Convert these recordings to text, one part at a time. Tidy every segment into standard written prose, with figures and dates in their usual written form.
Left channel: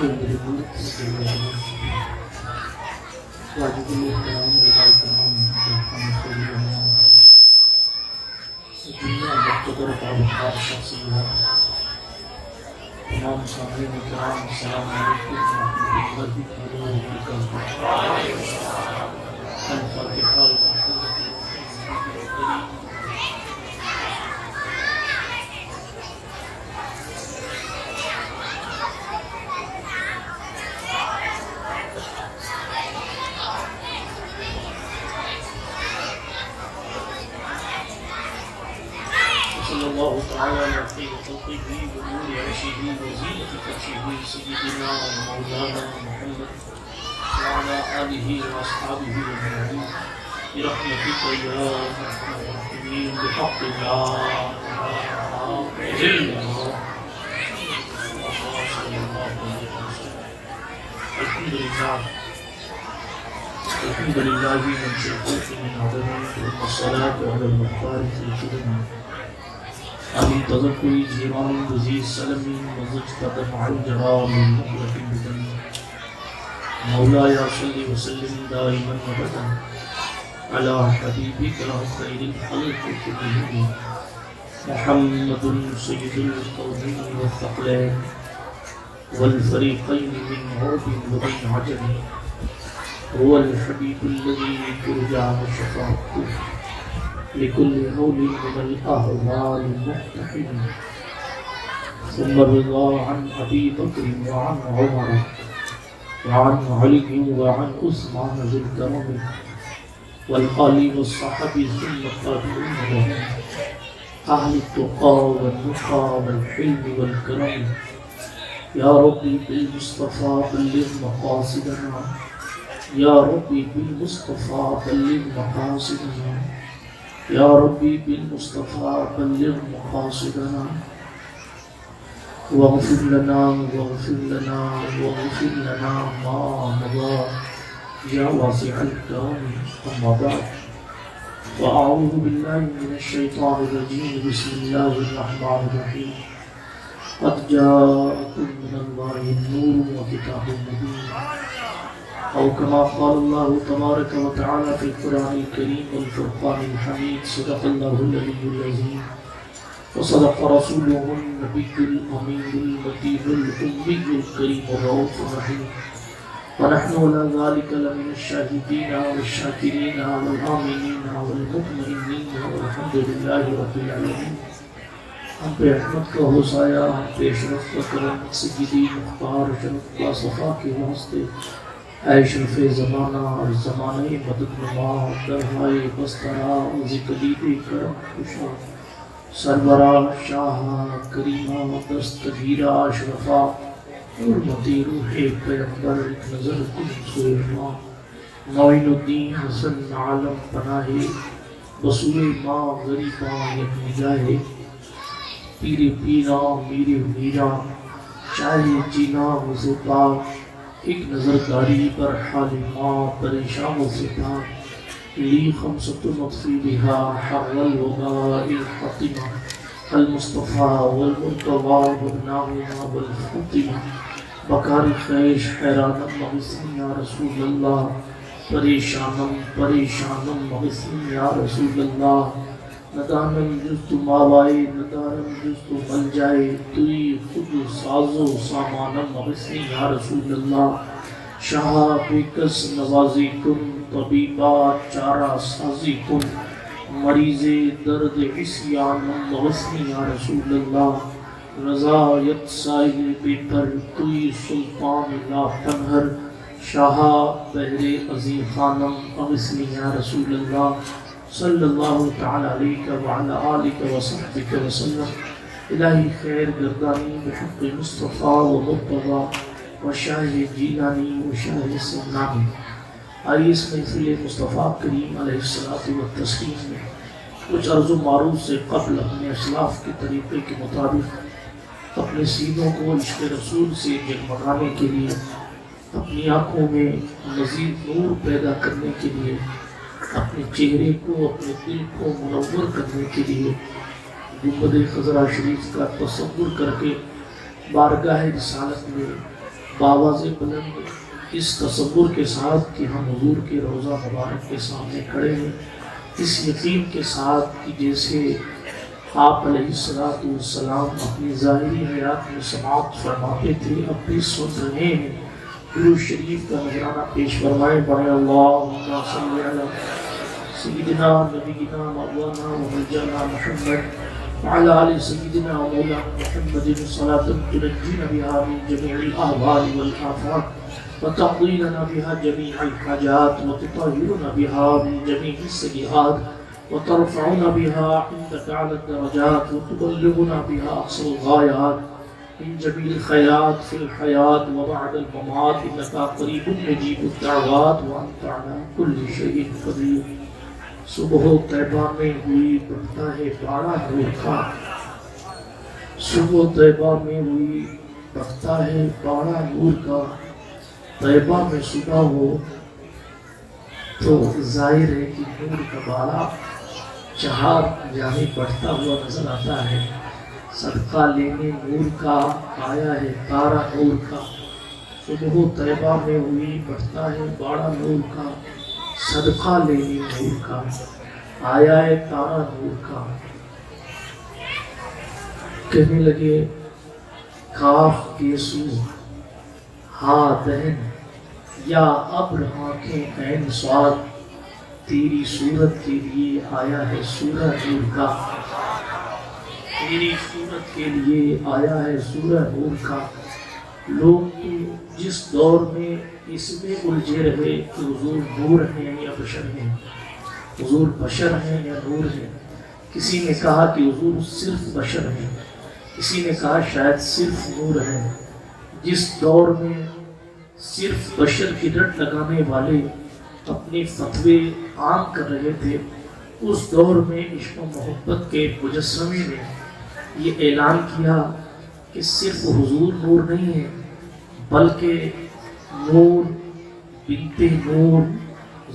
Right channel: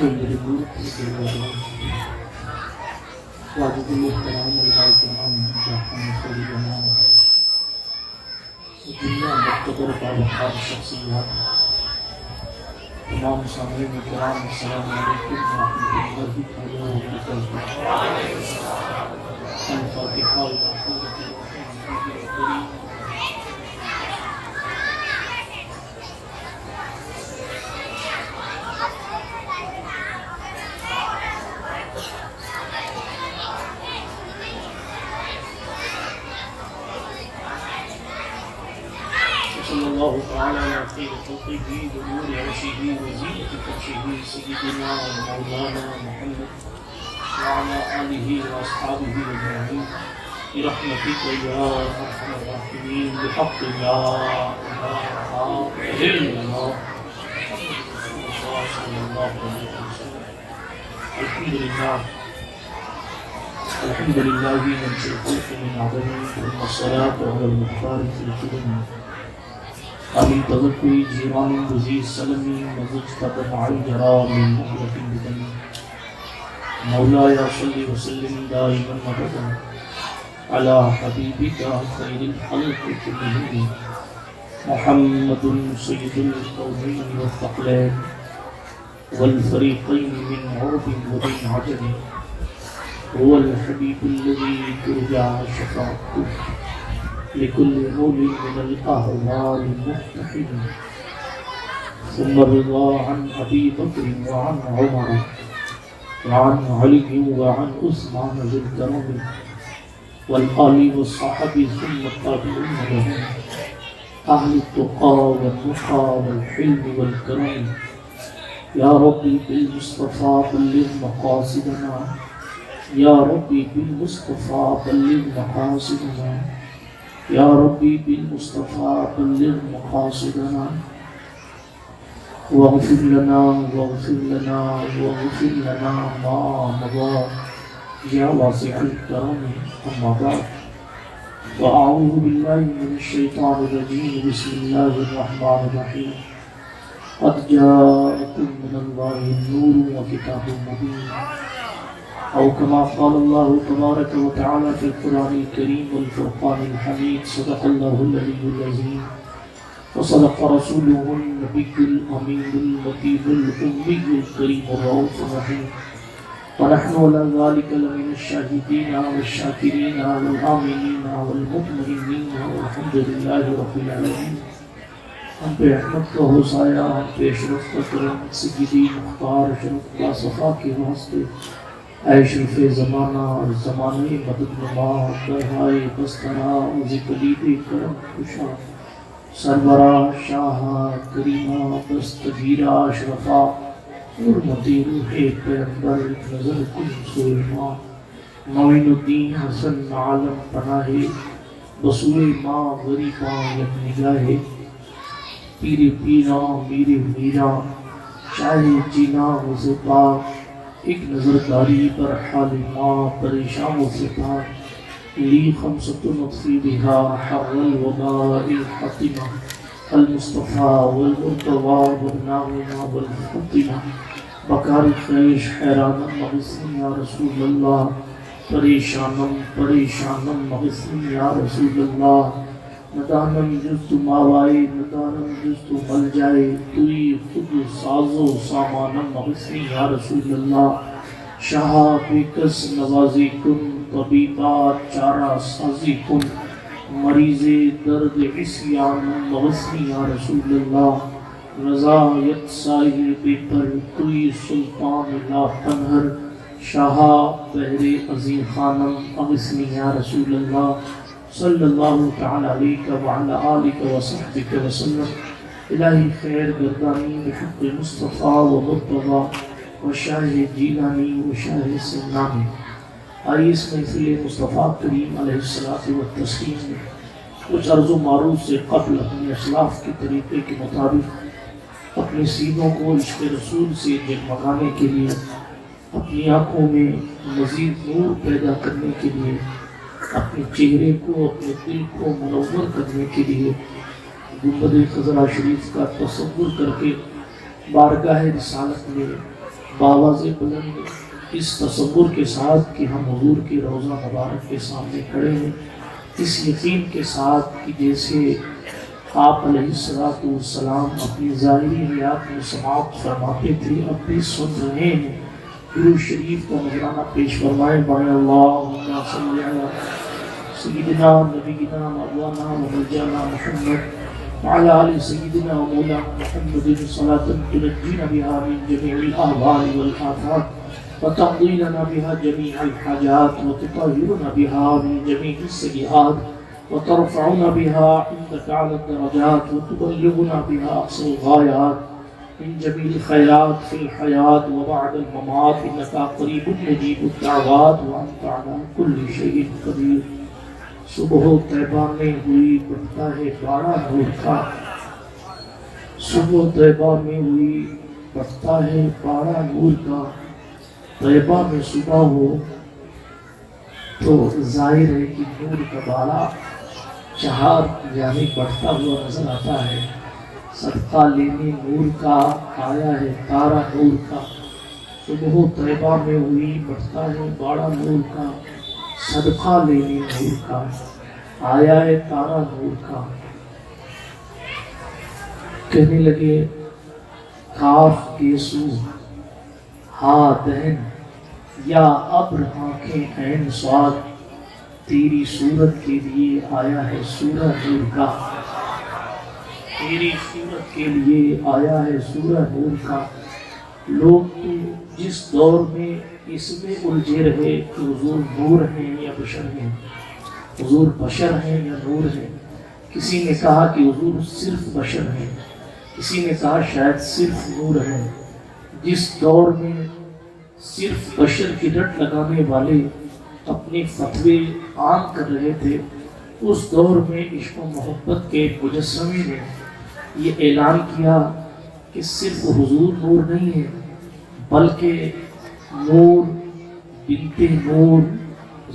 تمام سامعین کرام السلام علیکم ورحمۃ اللہ تعالی وبرکاتہ۔ صلی اللہ تعالی علیہ خلقه ونور عرشه وزینة فرشه سیدنا ومولانا محمد وعلى آله وأصحابه أجمعين برحمتك يا أرحم الراحمين بحق لا إله إلا الله صلى الله عليه وسلم۔ الحمد لله من شركه من عدمه ثم الصلاة على المختار في الكرم آمین تذکری جیران وزیر سلمی مزج قدم علی جرام مغرق بکن مولا یا صلی وسلم دائما مبدا علی حبیبک خیر الخلق کلهم محمد سید القومین والثقلین والفریقین من عرب ومن عجم هو الحبیب الذي ترجى شفاعته لكل مول من الأهوال المقتحم، ثم الرضا عن أبي بكر وعن عمر وعن علي وعن عثمان ذي الكرم والآل والصحابة ثم التابعين لهم أهل التقى والنقى والحلم والكرم۔ يا ربي بالمصطفى بلغ مقاصدنا، يا ربي بالمصطفى بلغ مقاصدنا، يا ربي بالمصطفى بلغ مقاصدنا، واغفر لنا واغفر لنا واغفر لنا ما مضى يا واسع الكرم، أما بعد وأعوذ بالله من الشيطان الرجيم، بسم الله الرحمن الرحيم، قد جاءكم من الله نور وكتاب مبين، أو كما قال الله تبارك وتعالى في القرآن الكريم والفرقان الحميد، صدق الله العلي العظيم وصدق رسوله النبي الأمين اللطيف الأمي الكريم الرؤوف الرحيم، ونحن على ذلك لمن الشاهدين والشاكرين والآمنين والمطمئنين والحمد لله رب العالمين۔ ہم پہ احمد کا ہو سایہ، ہم پہ اشرف کا کرم، سیدی مختار شرف کا صفا کے واسطے، اے شرف زمانہ اور زمانے مدد نما درہائے بسترا ذکریب کرم خوشا سربراہ شاہ کریمہ دستگیرہ اشرفا حرمتی روح پیغمبر نظر کن سوئمہ معین الدین حسن عالم پناہ بسوئے ماں غریبہ یکم جاہے پیر پیرا میر میرا شاہ جینا وزپا ایک نظر داری پر حال ماں پریشان و فتار لی خمسۃ نطفی بہا حر الوباء الحطمہ المصطفیٰ والمرتضیٰ والناغمہ والفطمہ بکار خیش حیرانم مغثنی یا رسول اللہ، پریشانم مغثنی یا رسول اللہ، ندانم جز تو ماوائے ندانم جز تو مل جائے، توی خود ساز و سامانم مغثنی یا رسول اللہ، شاہ بکس نوازی کن طبیبہ چارہ سازی کن، مریض درد عصیانم مغثنی یا رسول اللہ، رضایت سائر بے پر توی سلطان لا پنہر، شاہ بحر عظیم خانم مغثنی یا رسول اللہ، صلی اللہ تعالی علیہ وعلی آلہ وصحبہ وسلم۔ الہی خیر گردانی بحق مصطفیٰ و مرتضیٰ و شاہ جیلانی و شاہ سنانی۔ آئیے اس محفل مصطفیٰ کریم علیہ الصلوۃ والتسلیم میں کچھ عرض و معروف سے قبل اپنے اسلاف کے طریقے کے مطابق اپنے سینوں کو عشق رسول سے جگمگانے کے لیے، اپنی آنکھوں میں مزید نور پیدا کرنے کے لیے، اپنے چہرے کو اپنے دل کو منور کرنے کے لیے گنبد خضرا شریف کا تصور کر کے بارگاہ رسالت میں باواز بلند اس تصور کے ساتھ کہ ہم حضور کے روضہ مبارک کے سامنے کھڑے ہیں، اس یقین کے ساتھ کہ جیسے آپ علیہ السلام اپنی ظاہری حیات میں سماعت فرماتے تھے اب بھی سن رہے ہیں، درود شریف کا نذرانہ پیش فرمائیں۔ بڑے اللہم صلی علی سیدنا نبینا مولانا ونجانا محمد وعلى آل سيدنا ومولانا محمد صلاة تنجينا بها من جميع الأهوال والآفات وتقضي لنا بها جميع الحاجات وتطهرنا بها من جميع السيئات وترفعنا بها عندك على الدرجات وتبلغنا بها أقصى الغايات من جميع الخيرات في الحياة وبعد الممات إنك قريب مجيب الدعوات وأنت على كل شيء قدير۔ صبح طیبہ میں ہوئی بڑھتا ہے باڑا نور کا، صبح طیبہ میں ہوئی بڑھتا ہے باڑا نور کا، طیبہ میں صبح ہو تو ظاہر ہے کہ نور کا باڑا چہار یعنی بڑھتا ہوا نظر آتا ہے۔ صدقہ لینے نور کا آیا ہے تارا نور کا، صبح طیبہ میں ہوئی بڑھتا ہے باڑا نور کا، صدقہ لینے نور کا آیا ہے تارا نور کا۔ کہنے لگے کاف گیسو ہا دہن یا ابر آنکھیں عین سواد، تیری صورت کے لیے آیا ہے سورہ نور کا، تیری صورت کے لیے آیا ہے سورہ نور کا۔ لوگ جس دور میں اس میں الجھے رہے کہ حضور نور ہیں یا بشر ہیں، حضور بشر ہیں یا نور ہیں۔ کسی نے کہا کہ حضور صرف بشر ہیں، کسی نے کہا شاید صرف نور ہیں۔ جس دور میں صرف بشر کی رٹ لگانے والے اپنے فتوے عام کر رہے تھے، اس دور میں عشق و محبت کے مجسمے نے یہ اعلان کیا کہ صرف حضور نور نہیں ہے بلکہ نور بنت نور،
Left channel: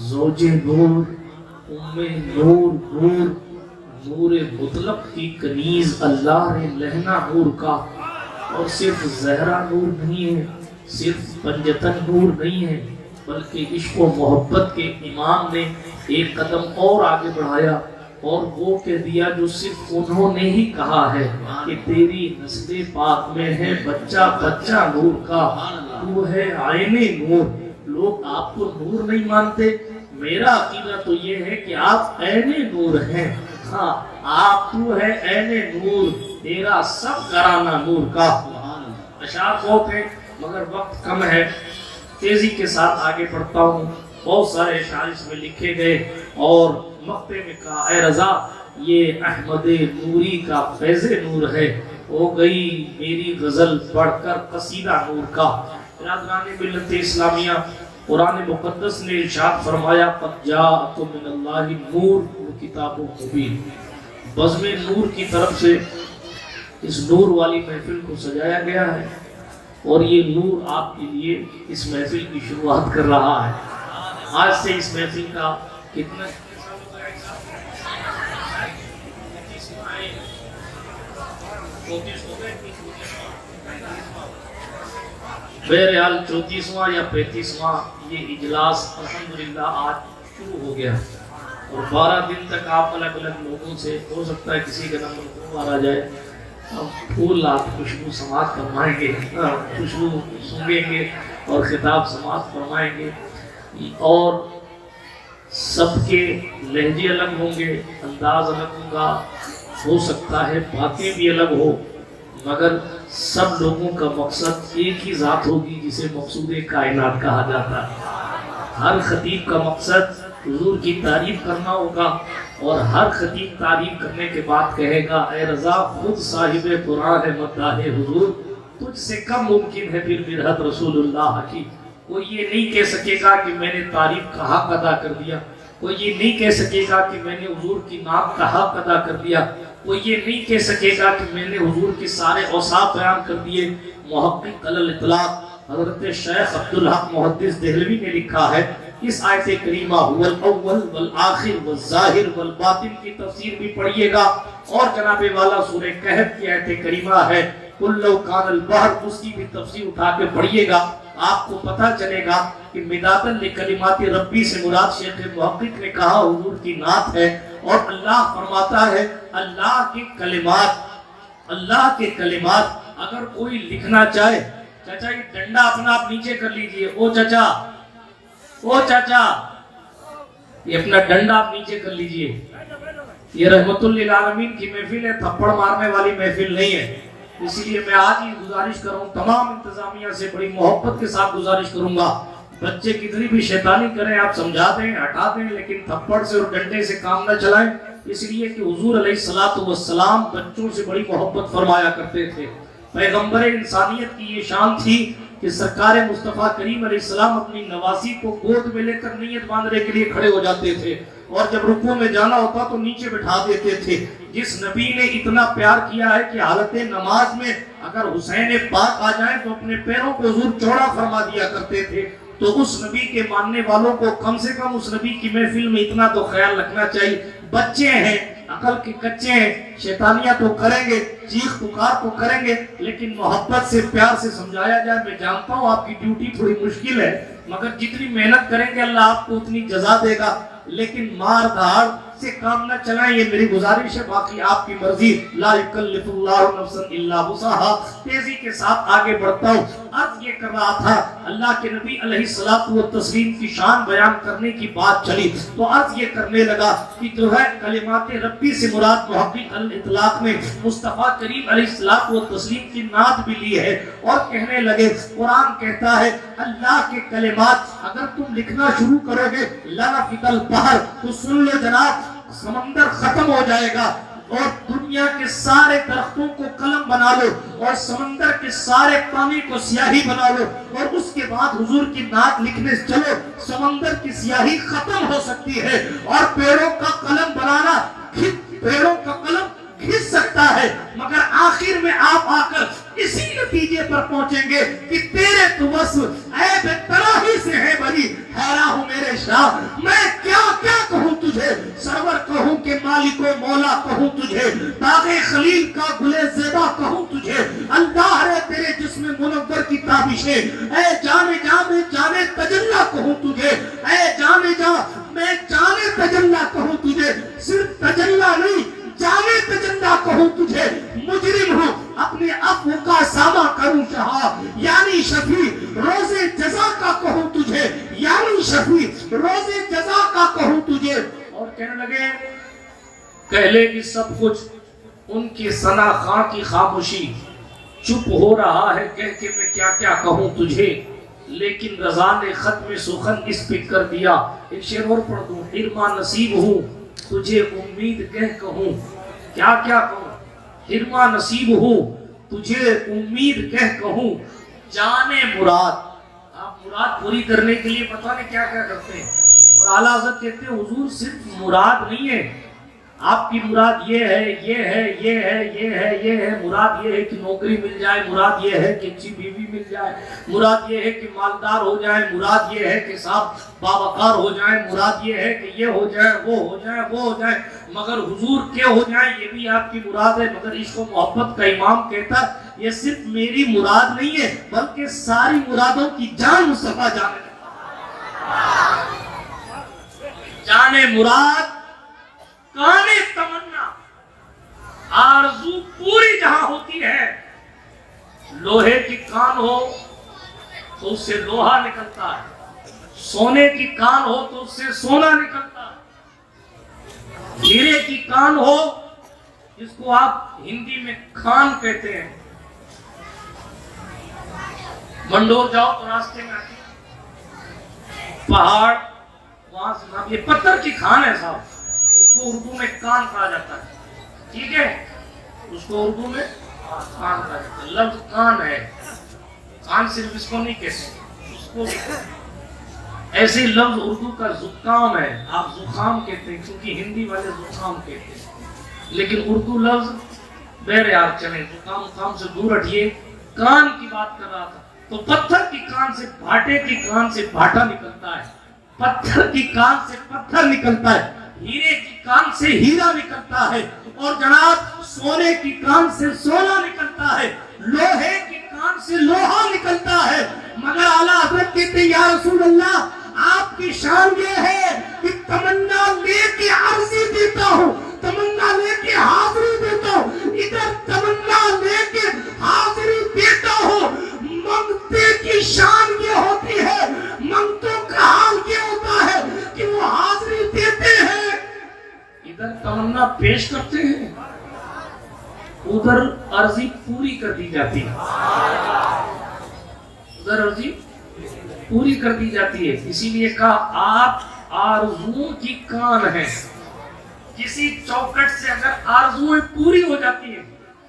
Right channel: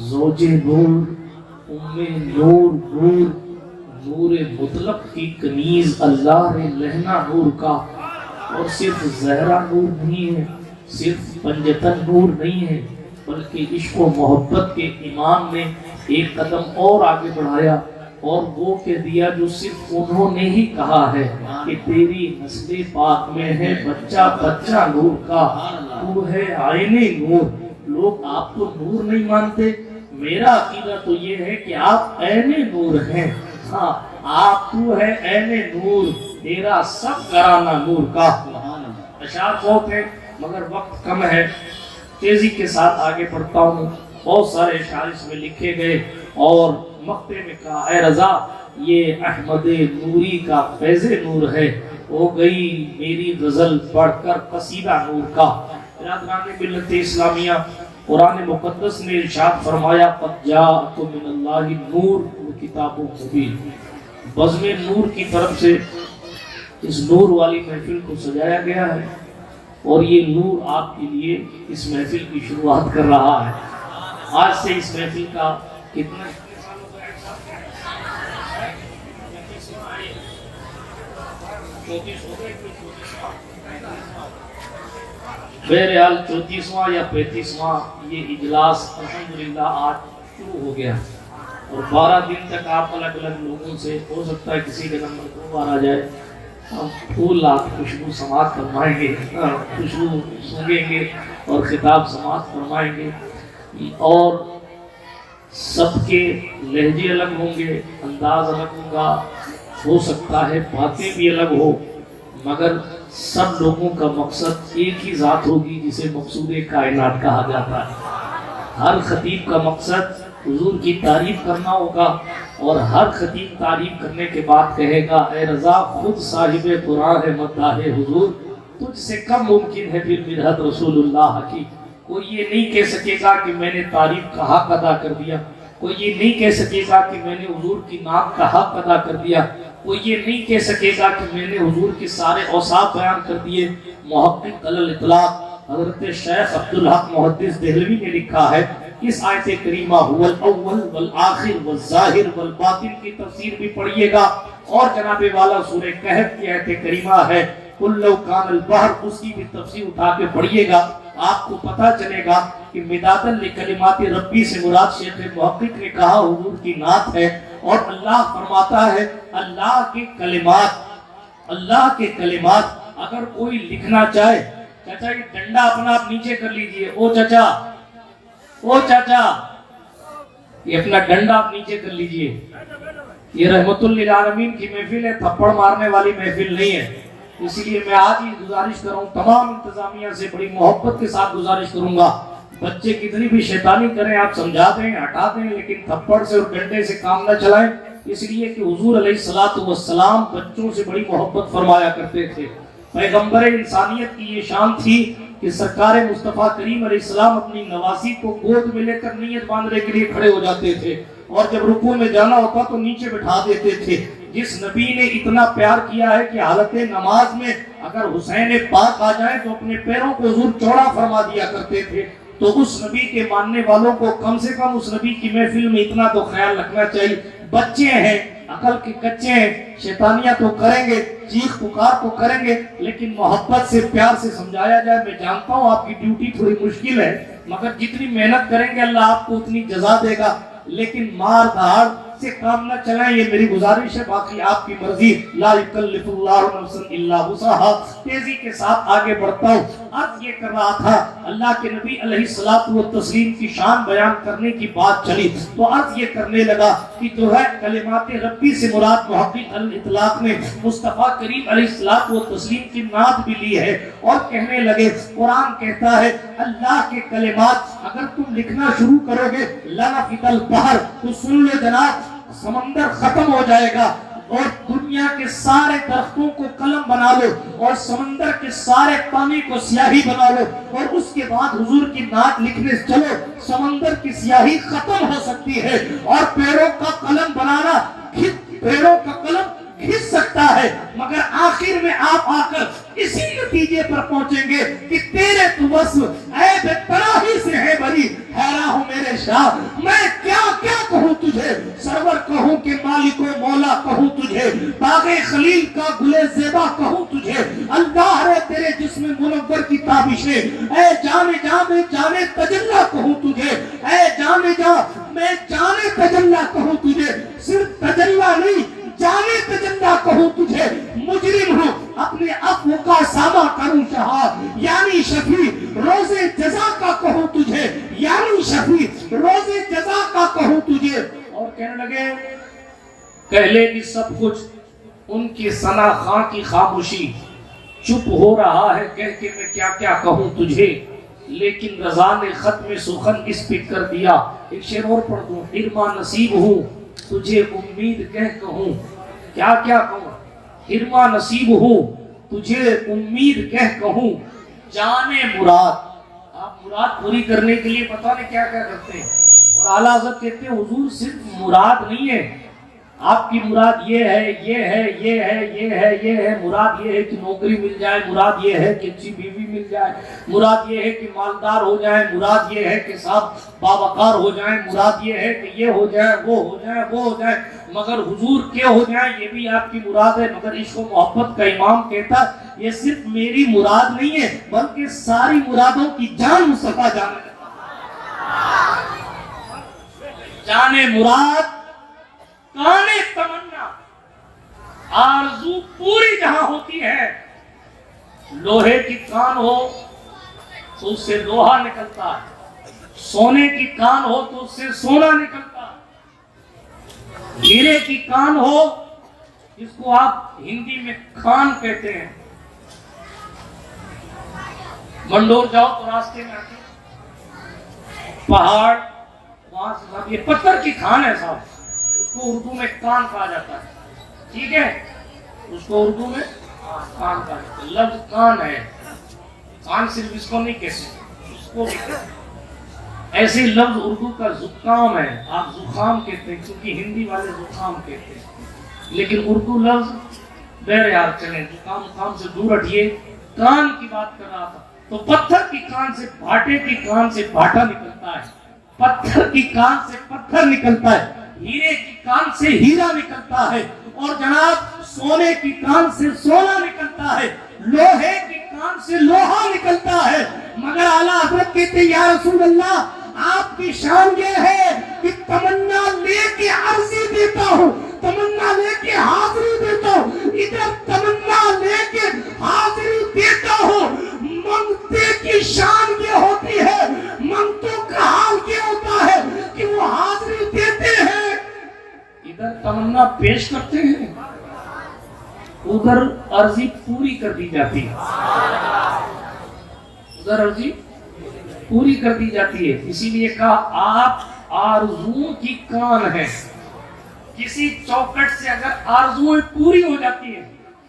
زوج نور، ام نور، نور نور مطلق کی کنیز اللہ نے لہنا نور کا۔ اور صرف زہرا نور نہیں ہے، صرف پنجتن نور نہیں ہے، بلکہ عشق و محبت کے امام نے ایک قدم اور آگے بڑھایا اور وہ کہہ دیا جو صرف انہوں نے ہی کہا ہے کہ تیری نسل پاک میں ہے بچہ بچہ نور کا، تو ہے عین نور۔ لوگ آپ کو نور نہیں مانتے، میرا عقیدہ تو یہ ہے کہ آپ عین نور ہیں۔ ہاں آپ تو ہے عین نور، تیرا سب گھرانہ نور کا۔ اشعار بہت ہے مگر وقت کم ہے، تیزی کے ساتھ آگے بڑھتا ہوں۔ بہت سارے اشعار اس میں لکھے گئے اور مقطع میں کہا اے رضا یہ احمد نوری کا فیض نور ہے، ہو گئی میری غزل پڑھ کر قصیدہ نور کا۔ برادران ملت اسلامیہ، قرآن مقدس نے ارشاد فرمایا قد جاءکم من اللہ نور و کتاب مبین۔ بزم نور کی طرف سے اس نور والی محفل کو سجایا گیا ہے اور یہ نور آپ کے لیے اس محفل کی شروعات کر رہا ہے۔ آج سے اس محفل کا کتنا بہرحال 34واں یا 35واں یہ اجلاس الحمدللہ آج شروع ہو گیا اور 12 دن تک آپ الگ الگ لوگوں سے، ہو سکتا ہے کسی کا نمبر دو آ جائے، پھول آپ خوشبو سماعت فرمائیں گے، خوشبو سونگیں گے اور خطاب سماعت فرمائیں گے، اور سب کے لہجے الگ ہوں گے، انداز الگ ہوگا، ہو سکتا ہے باتیں بھی الگ ہو، مگر سب لوگوں کا مقصد ایک ہی ذات ہوگی جسے مقصود کائنات کہا جاتا ہے۔ ہر خطیب کا مقصد حضور کی تعریف کرنا ہوگا اور ہر خطیب تعریف کرنے کے بعد کہے گا اے رضا خود صاحب قرآن مداح حضور، تجھ سے کم ممکن ہے پھر مرحت رسول اللہ کی۔ کوئی یہ نہیں کہہ سکے گا کہ میں نے تعریف کا حق ادا کر دیا، کوئی یہ نہیں کہہ سکے گا کہ میں نے حضور کی نام کا حق ادا کر دیا، کوئی یہ نہیں کہہ سکے گا کہ میں نے حضور کے سارے اوصاف بیان کر دیے۔ محقق علی الاطلاق حضرت شیخ عبدالحق محدث دہلوی نے لکھا ہے اس آیت کریمہ هو الاول والآخر والظاہر والباطن کی تفسیر بھی پڑھیے گا، اور جناب والا سورہ کہف کی آیت کریمہ ہے قل لو کان البحر، اس کی بھی تفسیر اٹھا کے پڑھیے گا، آپ کو پتہ چلے گا کہ مدادا لکلمات ربی سے مراد شیخ محقق نے کہا حضور کی نعت ہے، اور اللہ فرماتا ہے اللہ کے کلمات، اللہ کے کلمات اگر کوئی لکھنا چاہے، چچا یہ ڈنڈا اپنا آپ نیچے کر لیجئے، او چچا یہ اپنا ڈنڈا آپ نیچے کر لیجئے، یہ رحمت للعالمین کی محفل ہے، تھپڑ مارنے والی محفل نہیں ہے، اسی لیے میں آج ہی گزارش کر رہا ہوں تمام انتظامیہ سے، بڑی محبت کے ساتھ گزارش کروں گا، بچے کتنی بھی شیطانی کریں آپ سمجھا دیں ہٹا دیں، لیکن تھپڑ سے اور ڈنڈے سے کام نہ چلائیں، اس لیے کہ حضور علیہ السلام بچوں سے بڑی محبت فرمایا کرتے تھے۔ پیغمبر انسانیت کی یہ شان تھی کہ سرکار مصطفیٰ کریم علیہ السلام اپنی نواسی کو گود میں لے کر نیت باندھنے کے لیے کھڑے ہو جاتے تھے، اور جب رکوع میں جانا ہوتا تو نیچے بٹھا دیتے تھے۔ جس نبی نے اتنا پیار کیا ہے کہ حالت نماز میں اگر حسین پاک آ جائیں تو اپنے پیروں کو حضور چوڑا فرما دیا کرتے تھے، تو اس نبی کے ماننے والوں کو کم سے کم اس نبی کی محفل میں اتنا تو خیال رکھنا چاہیے، بچے ہیں، عقل کے کچے ہیں، شیطانیاں تو کریں گے، چیخ پکار تو کریں گے، لیکن محبت سے پیار سے سمجھایا جائے۔ میں جانتا ہوں آپ کی ڈیوٹی تھوڑی مشکل ہے، مگر جتنی محنت کریں گے اللہ آپ کو اتنی جزا دے گا، لیکن مار دھاڑ سے کام نہ چلائیں، یہ میری گزارش ہے، باقی آپ کی مرضی، لا یکلف اللہ نفسا الا وسعها۔ تیزی کے ساتھ آگے بڑھتا ہوں، عرض یہ کر رہا تھا اللہ کے نبی علیہ الصلوۃ والتسلیم کی شان بیان کرنے کی بات چلی تو عرض یہ کرنے لگا کہ جو ہے کلمات ربی سے مراد محقق الاطلاق نے مصطفیٰ کریم علیہ الصلوۃ والتسلیم کی نعت بھی لی ہے، اور کہنے لگے قرآن کہتا ہے اللہ کے کلمات اگر تم لکھنا شروع کرو گے لنفد البحر، تو سن لے جناب سمندر ختم ہو جائے گا، اور دنیا کے سارے درختوں کو قلم بنا لو اور سمندر کے سارے پانی کو سیاہی بنا لو، اور اس کے بعد حضور کی نعت لکھنے چلو، سمندر کی سیاہی ختم ہو سکتی ہے، اور پیڑوں کا قلم بنانا، پیڑوں کا قلم گھس سکتا ہے، مگر آخر میں آپ آ کر اسی نتیجے پر پہنچیں گے کہ تیرے تو وصف اے بے پناہی سے ہے بری، حیران ہوں میرے شاہ میں کیا کیا کہوں تجھے، سرور کہوں کہ مالک و مولا کہوں تجھے، باغ خلیل کا گلے زیبا کہوں تجھے، اللہ رے تیرے جسم منور کی تابشیں، اے جانے جانے جانے تجلا کہوں تجھے، اے جانے جا میں جانے تجلا کہوں تجھے، صرف تجلا نہیں جانے تجلا کہوں تجھے، مجرم ہوں اپنے عفو کا سامہ کروں شہا، یعنی شفیع روز جزا کا کہوں تجھے، یعنی شفیع روز جزا کا کہوں تجھے، اور کہنے لگے کہہ لے کہ سب کچھ ان کی ثنا خاں کی خاموشی، چپ ہو رہا ہے کہہ کے میں کیا کیا کہوں تجھے، لیکن رضا نے ختم سخن اس پہ کر دیا۔ ایک شعر اور پڑھ دوں، حرما نصیب ہوں تجھے امید کہہ کہوں، کیا کیا کہوں، حرما نصیب ہوں تجھے امید کہہ کہوں، جانے مراد، آپ مراد پوری کرنے کے لیے پتہ نہیں کیا کیا کرتے ہیں، اور اعلیٰ حضرت کہتے ہیں حضور صرف مراد نہیں ہے، آپ کی مراد یہ ہے یہ ہے یہ ہے یہ ہے یہ ہے، مراد یہ ہے کہ نوکری مل جائے، مراد یہ ہے کہ اچھی بیوی مل جائے، مراد یہ ہے کہ مالدار ہو جائیں، مراد یہ ہے کہ صاحب باوقار ہو جائیں، مراد یہ ہے کہ یہ ہو جائے وہ ہو جائے وہ ہو جائے، مگر حضور کے ہو جائیں یہ بھی آپ کی مراد ہے۔ مگر اس کو محبت کا امام کہتا ہے یہ صرف میری مراد نہیں ہے بلکہ ساری مرادوں کی جان مصطفیٰ جانے مراد کانے تمنا، آرزو پوری جہاں ہوتی ہے، لوہے کی کان ہو تو اس سے لوہا نکلتا ہے، سونے کی کان ہو تو اس سے سونا نکلتا ہے، ہیرے کی کان ہو جس کو آپ ہندی میں کھان کہتے ہیں، منڈور جاؤ تو راستے میں آتی پہاڑ وہاں سے، یہ پتھر کی کھان ہے صاحب، اس کو اردو میں کان کہا جاتا ہے، ٹھیک ہے، اس کو اردو میں کان کہا جاتا ہے، لفظ کان ہے، کان صرف اس کو نہیں کہتے، اس کو بھی کہتے ہیں، ایسے لفظ اردو کا زکام ہے، آپ زکام کہتے ہیں کیونکہ ہندی والے زکام کہتے ہیں، لیکن اردو لفظ بہر یار چلیں، زکام کام سے دور ہٹیے، کان کی بات کر رہا تھا، تو پتھر کی کان سے بھاٹے کی کان سے بھاٹا نکلتا ہے، پتھر کی کان سے پتھر نکلتا ہے، ہیرے کی کان سے ہیرا نکلتا ہے، اور جناب سونے کی کان سے سونا نکلتا ہے، لوہے کی کان سے لوہا نکلتا ہے، مگر اعلیٰ حضرت کہتے ہیں یا رسول اللہ آپ کی شان یہ ہے کہ تمنا لے کے عرضی دیتا ہوں، تمنا لے کے حاضری دیتا ہوں، ادھر تمنا لے کے حاضری دیتا ہوں۔ منگتے کی شان یہ ہوتی ہے، منگتوں کا حال یہ ہوتا ہے کہ وہ حاضری دیتے ہیں، ادھر تمنا پیش کرتے ہیں، ادھر عرضی پوری کر دی جاتی ہے، ادھر عرضی پوری کر دی جاتی ہے۔ اسی لیے کہا آپ آرزوؤں کی کان ہے، کسی چوکٹ سے اگر آرزویں پوری ہو جاتی ہیں،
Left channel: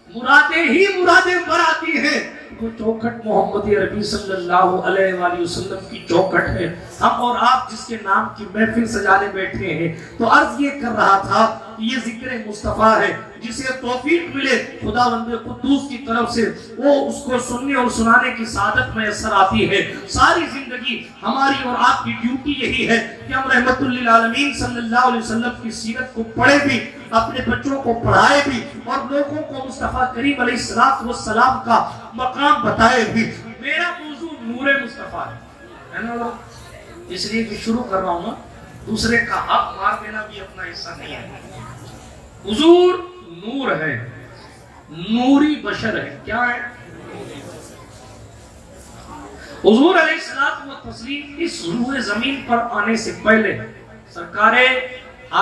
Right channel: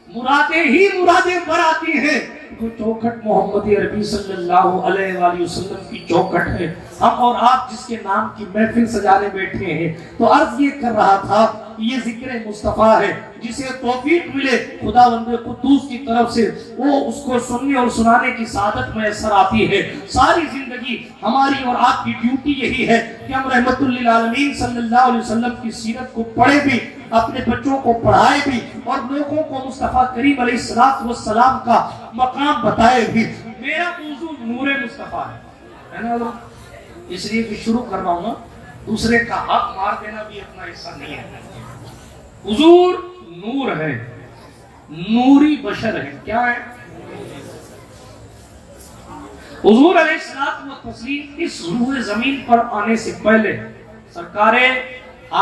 مرادیں ہی مرادیں بھر آتی ہیں، وہ چوکٹ محمد عربی صلی اللہ علیہ وآلہ وسلم کی چوکٹ ہے۔ ہم اور آپ جس کے نام کی محفل سجانے بیٹھے ہیں، تو عرض یہ کر رہا تھا کہ یہ ذکر مصطفیٰ ہے، جسے توفیق ملے خداوند قدوس کی طرف سے، وہ اس کو سننے اور سنانے کی سعادت میسر آتی ہے۔ ساری زندگی ہماری اور آپ کی ڈیوٹی یہی ہے کہ ہم رحمت للعالمین صلی اللہ علیہ وسلم کی سیرت کو پڑھے بھی، اپنے بچوں کو پڑھائے بھی، اور لوگوں کو مصطفیٰ کریم علیہ السلام کا مقام بتائے بھی۔ میرا موضوع نور مصطفیٰ ہے نا، اس لیے کہ شروع کر رہا ہوں، دوسرے کا حق مار دینا بھی اپنا حصہ نہیں ہے۔ حضور نور ہے، نوری بشر ہے، کیا ہے؟ حضور علیہ السلام و تسلیم اس روح زمین پر آنے سے پہلے سرکار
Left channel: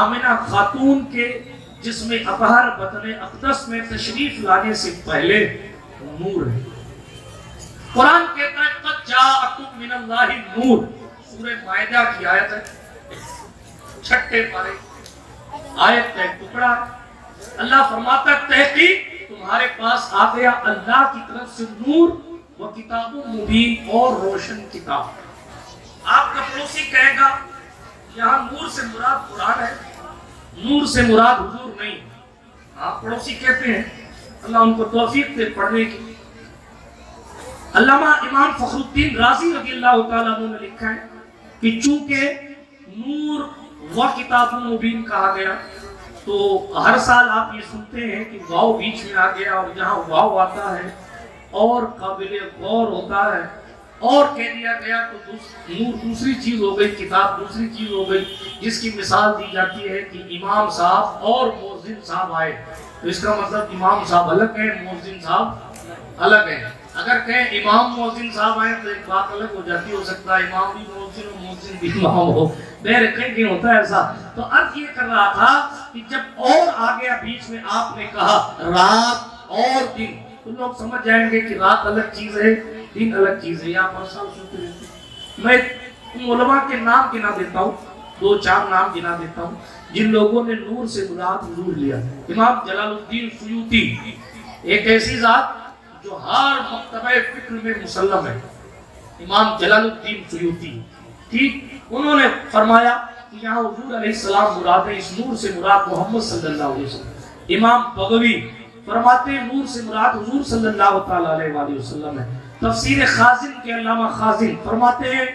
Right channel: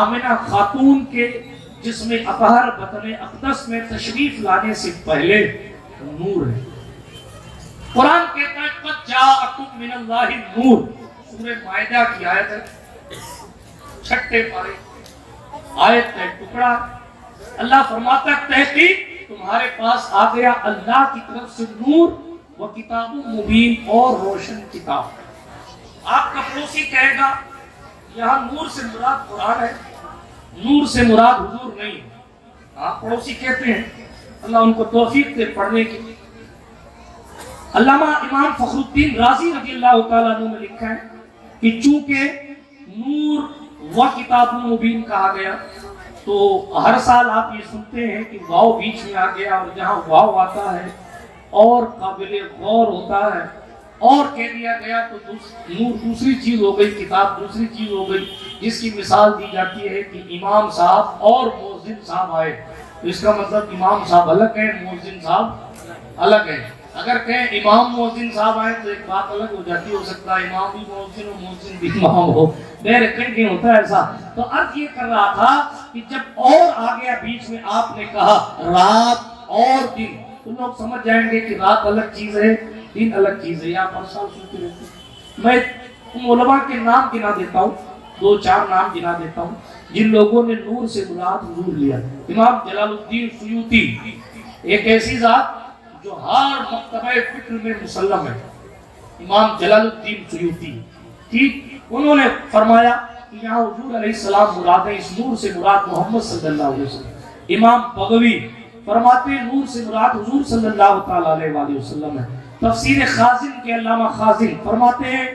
آمنہ خاتون کے جسم اطہر بطن اقدس میں تشریف لانے سے پہلے نور ہے۔ قرآن کہتا ہے قد جاءکم من اللہ نور، سورہ مائدہ کی آیت ہے، چھٹے پارے آیت کا ٹکڑا۔ اللہ فرماتا ہے تحقیق تمہارے پاس آ گیا اللہ کی طرف سے نور و کتاب مبین، اور روشن کتاب۔ آپ کا پڑوسی کہے گا یہاں نور سے مراد قرآن ہے، نور سے مراد حضور نہیں۔ آپ پڑوسی کہتے ہیں، اللہ ان کو توفیق دے پڑھنے کی۔ علامہ امام فخر الدین رازی رضی اللہ تعالیٰ عنہ نے لکھا ہے کہ چونکہ نور و کتاب مبین کہا گیا، تو ہر سال آپ یہ سنتے ہیں کہ واو بیچ میں آ گیا، اور جہاں واو آتا ہے اور قابل غور ہوتا ہے، اور کہہ دیا گیا تو نور دوسری چیز ہو گئی، کتاب دوسری چیز ہو گئی، جس کی مثال دی جاتی ہے کہ امام صاحب اور مؤذن صاحب آئے، تو اس کا مطلب امام صاحب الگ ہیں، مؤذن صاحب الگ ہیں۔ اگر کہیں امام مؤذن صاحب آئے تو ایک بات الگ ہو جاتی، ہو سکتا ہے امام بھی مؤذن ہو، مؤذن بھی امام ہو، دیر کہیں ہوتا ہے ایسا۔ تو عرض یہ کر رہا تھا کہ جب اور آ گیا بیچ میں، آپ نے کہا رات اور دن، تو لوگ سمجھ جائیں گے کہ رات الگ چیز ہے، دن الگ چیز ہے۔ یا ہر سال سنتے رہتے ہیں۔ میں ان علماء کے نام گنا دیتا ہوں، دو چار نام گنا دیتا ہوں جن لوگوں نے نور سے مراد حضور لیا۔ امام جلال الدین سیوطی، ایک ایسی ذات جو ہر مکتبہ فکر میں مسلم ہے، امام جلال الدین سیوطی، ٹھیک، انہوں نے فرمایا کہ یہاں حضور علیہ السلام مراد ہے، اس نور سے مراد محمد صلی اللہ علیہ وسلم۔ امام بغوی فرماتے ہیں نور سے مراد حضور صلی اللہ تعالیٰ علیہ وآلہ وسلم ہے۔ تفسیر خازن کے علامہ خازن فرماتے ہیں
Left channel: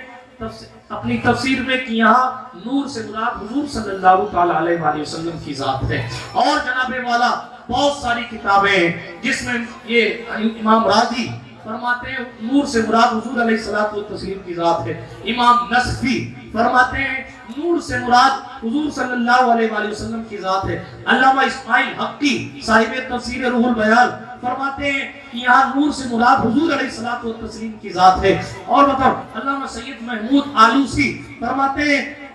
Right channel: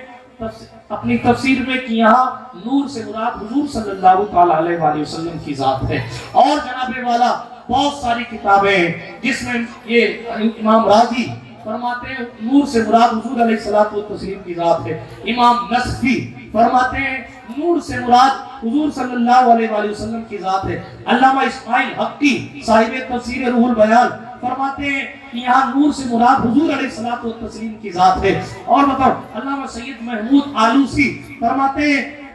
اپنی تفسیر میں کہ یہاں نور سے مراد حضور صلی اللہ تعالیٰ علیہ وآلہ وسلم کی ذات ہے۔ اور جناب والا بہت ساری کتابیں ہیں جس میں یہ امام راضی فرماتے ہیں نور سے مراد حضور علیہ الصلوۃ والتسلیم کی ذات ہے۔ امام نصفی فرماتے ہیں نور سے مراد حضور صلی اللہ علیہ وآلہ وسلم کی ذات ہے۔ علامہ اسماعیل حقی صاحب تفسیر روح البیان فرماتے ہیں کہ یہاں نور سے مراد حضور علیہ الصلوۃ والتسلیم کی ذات ہے۔ اور مطلب علامہ سید محمود آلوسی فرماتے ہیں